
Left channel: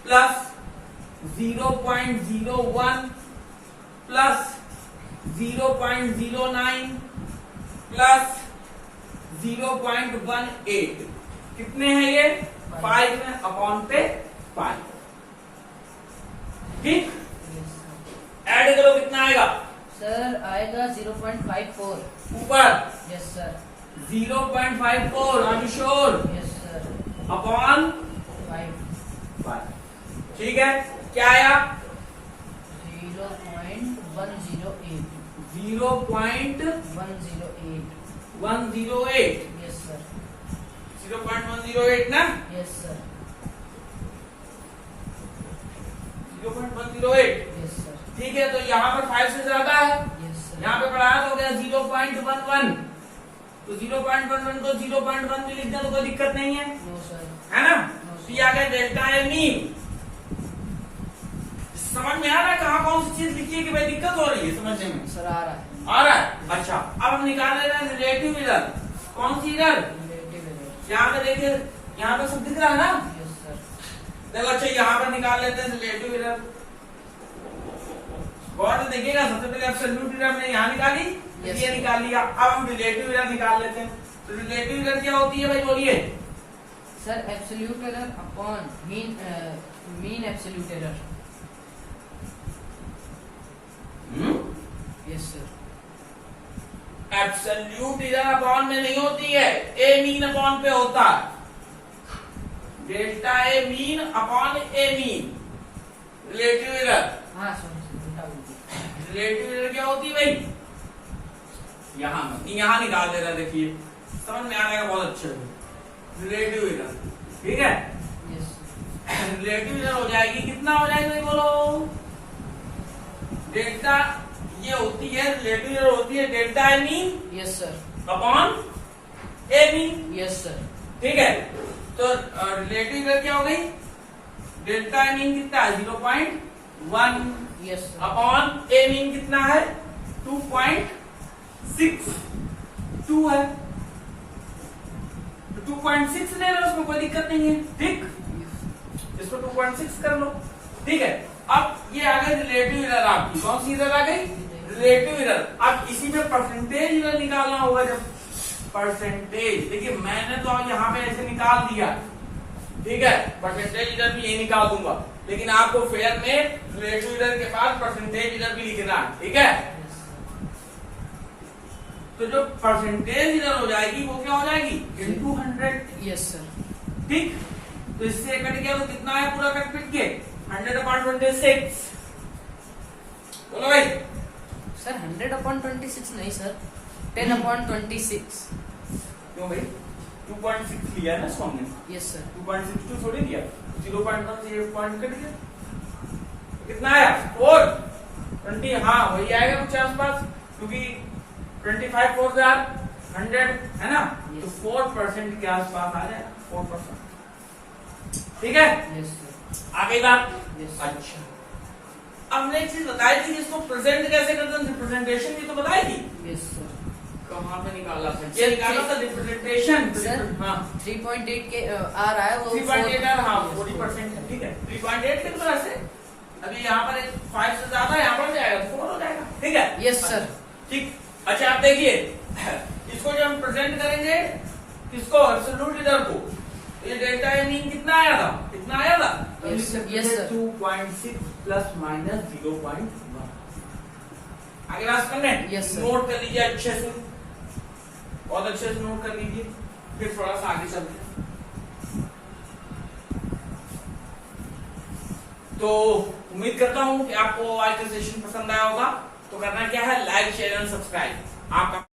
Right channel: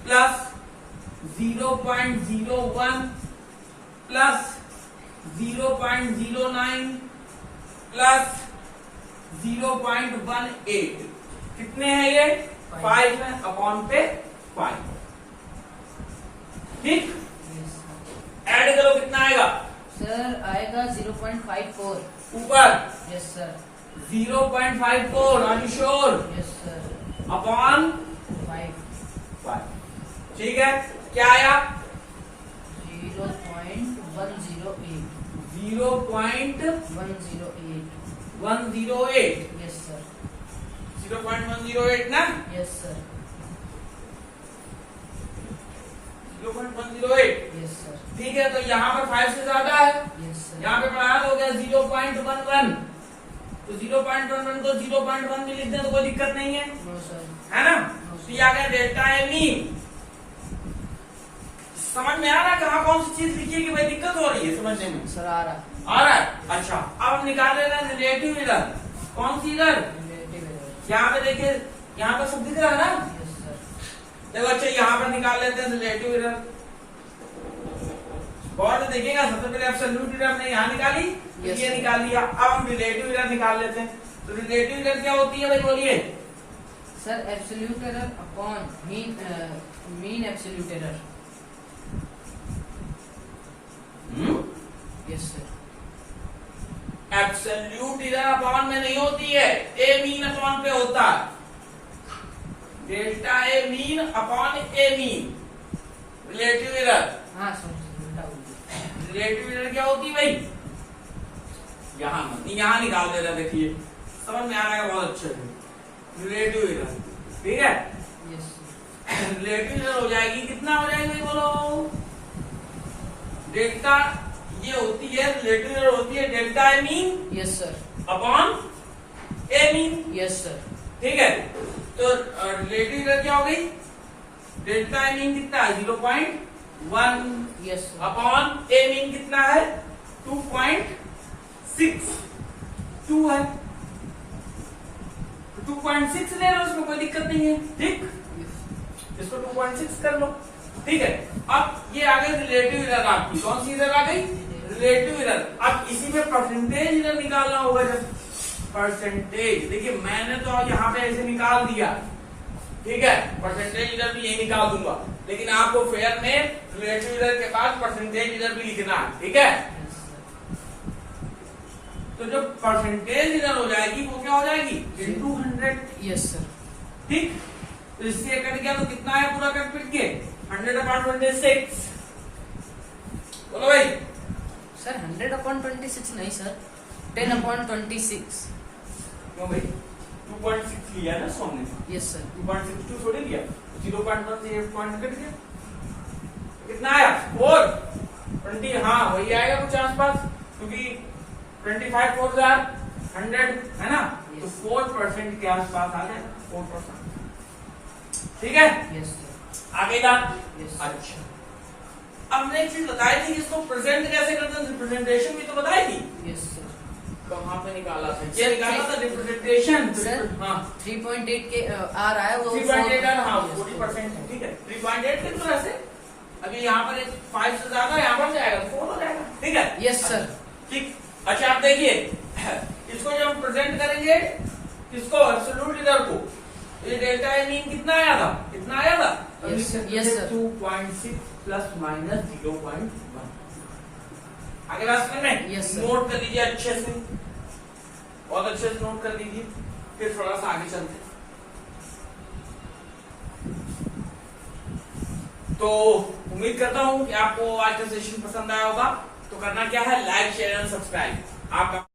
प्लस 0.01 प्लस 0.09 प्लस 0.18 कितने हैं ये? 5 है, अपॉन पे 5, ठीक। Yes, sir. ऐड करो कितना आएगा? सर आएगा 0.54. ऊपर Yes, sir. 0.54, are you sure? Yes, sir. Upon 5. ठीक है, क्या आया? 0.108. 0.108, 108. Yes, sir. 0.108 ना? Yes, sir. 0.108, Yes, sir. ठीक है। तो यहाँ पर 5 से ज्यादा है, Yes, sir. यहाँ पे बढ़ाया तो हो गया 0.11, तो 0.11 को 0.1 भी लिख दें तो कोई दिक्कत नहीं है, No, sir. है ना? तो ये आ गया डेल्टा ए मीन। समझ में आ रहा है कहाँ कौन सी चीज लिखी है कि भाई दिक्कत हो रही है समझने में? सर आ रहा है. आ रहा है, अच्छा। अब हम निकाल रहे हैं रिलेटिव एरर। कौन सी एरर? Relative error. यहाँ पे देखिए, यहाँ पे सब दिख रहा है ना? Yes, sir. देखो अच्छा, यहाँ पर निकाल लेते हैं रिलेटिव एरर। बहुत देखिएगा, सबसे पहले एब्सोल्यूट एरर हमने यहाँ निकाली, Yes, ये sir. निकाल लिया। अब हम रिलेटिव एरर निकाल लेते हैं। तो रिलेटिव एरर क्या होती है भाई, बोलिए? Sir, absolute error upon mean absolute error. Yes, sir. Absolute error upon में नहीं होती है, ए मीन अपॉन पे होता है। Delta A mean upon A mean relative error. हाँ सॉरी, उल्टा बोल दिया. रिलेटिव एरर क्या होती है भाई? यहाँ निकाल देना, देखिए समझ में आ रहा है बहुत अच्छे से। रिलेटिव एरर, ठीक है। Yes. रिलेटिव एरर हो जाएगी, कितना हो जाएगा भाई बोलो? डेल्टा ये होती है, रिलेटिव एरर होती है delta A mean Yes, sir. Upon A mean, Yes, sir. ठीक है। तो रिलेटिव एरर क्या हो गई? डेल्टा ए मीन कितना है? 0.1 Yes, sir. अपॉन ए मीन कितना है? 2.62 है। 2.6 ले लो, उसमें कोई दिक्कत नहीं है, ठीक। इसको 2.6 कर लो, ठीक है। अब ये आ गई रिलेटिव एरर आपकी। कौन सी एरर आ गई? Relative error. अब इसी में परसेंटेज एरर निकालना होगा। जब परसेंटेज, देखिए मैंने तो अब यहाँ पे ऐसे निकाल दिया, ठीक है। परसेंटेज एरर भी यही निकाल दूंगा, लेकिन आपको फेयर में रिलेटिव एरर के बाद परसेंटेज एरर भी लिखना है, ठीक है। Yes, sir. तो जो परसेंटेज एरर हो जाएगी वो क्या हो जाएगी? Into 100, Yes, sir. ठीक। तो इससे कट गया तो कितना है? पूरा कट पिट के 100/26। बोलो भाई। Sir, 100/26 नहीं सर, 10/26. क्यों भाई? 2.6 लिया ना इसको हमने, Yes, sir. 2.62 थोड़ी लिया। 0.1 से 1 पॉइंट कट गया, कितना आया? 420। हाँ वही आएगा कुछ आसपास, क्योंकि 25 4 हजार 100 है ना? तो Yes. 4% के आसपास आ जाएगा, 4%, ठीक है। Yes, sir. आ गई बात? Yes, sir. अच्छा, हमने एक चीज बताई थी, इसको प्रेजेंट कैसे करते हैं, रिप्रेजेंटेशन भी तो बताई थी। Yes, sir. कहाँ पे निकाला था? ये निकाला था रिप्रेजेंटेशन। सर, हाँ 3.8 के आ रहा है वो. 3.8 आ रहा, Yes, 40% है, ठीक है। 3.8 के तो ऐसे अभी यहाँ पर 5 से ज्यादा यहाँ पर जाएगा, 4 हो जाएगा, ठीक है। Yes, sir. ठीक। अच्छा आप देखिए, इसको जब हम प्रेजेंट करेंगे, किसको? एब्सोल्यूट एरर को। ये डेल्टा ए मीन कितना आया था? कितना आया था? Yes, sir. 2.6 plus minus 0.1। आगे बात करने Yes, sir. नोट कर लीजिए अच्छे से, बहुत अच्छे से नोट कर लीजिए, फिर थोड़ा सा आगे चलते हैं। तो उम्मीद करता हूं कि आपको आज का सेशन पसंद आया होगा। तो करना क्या है, लाइक शेयर एंड सब्सक्राइब। आपका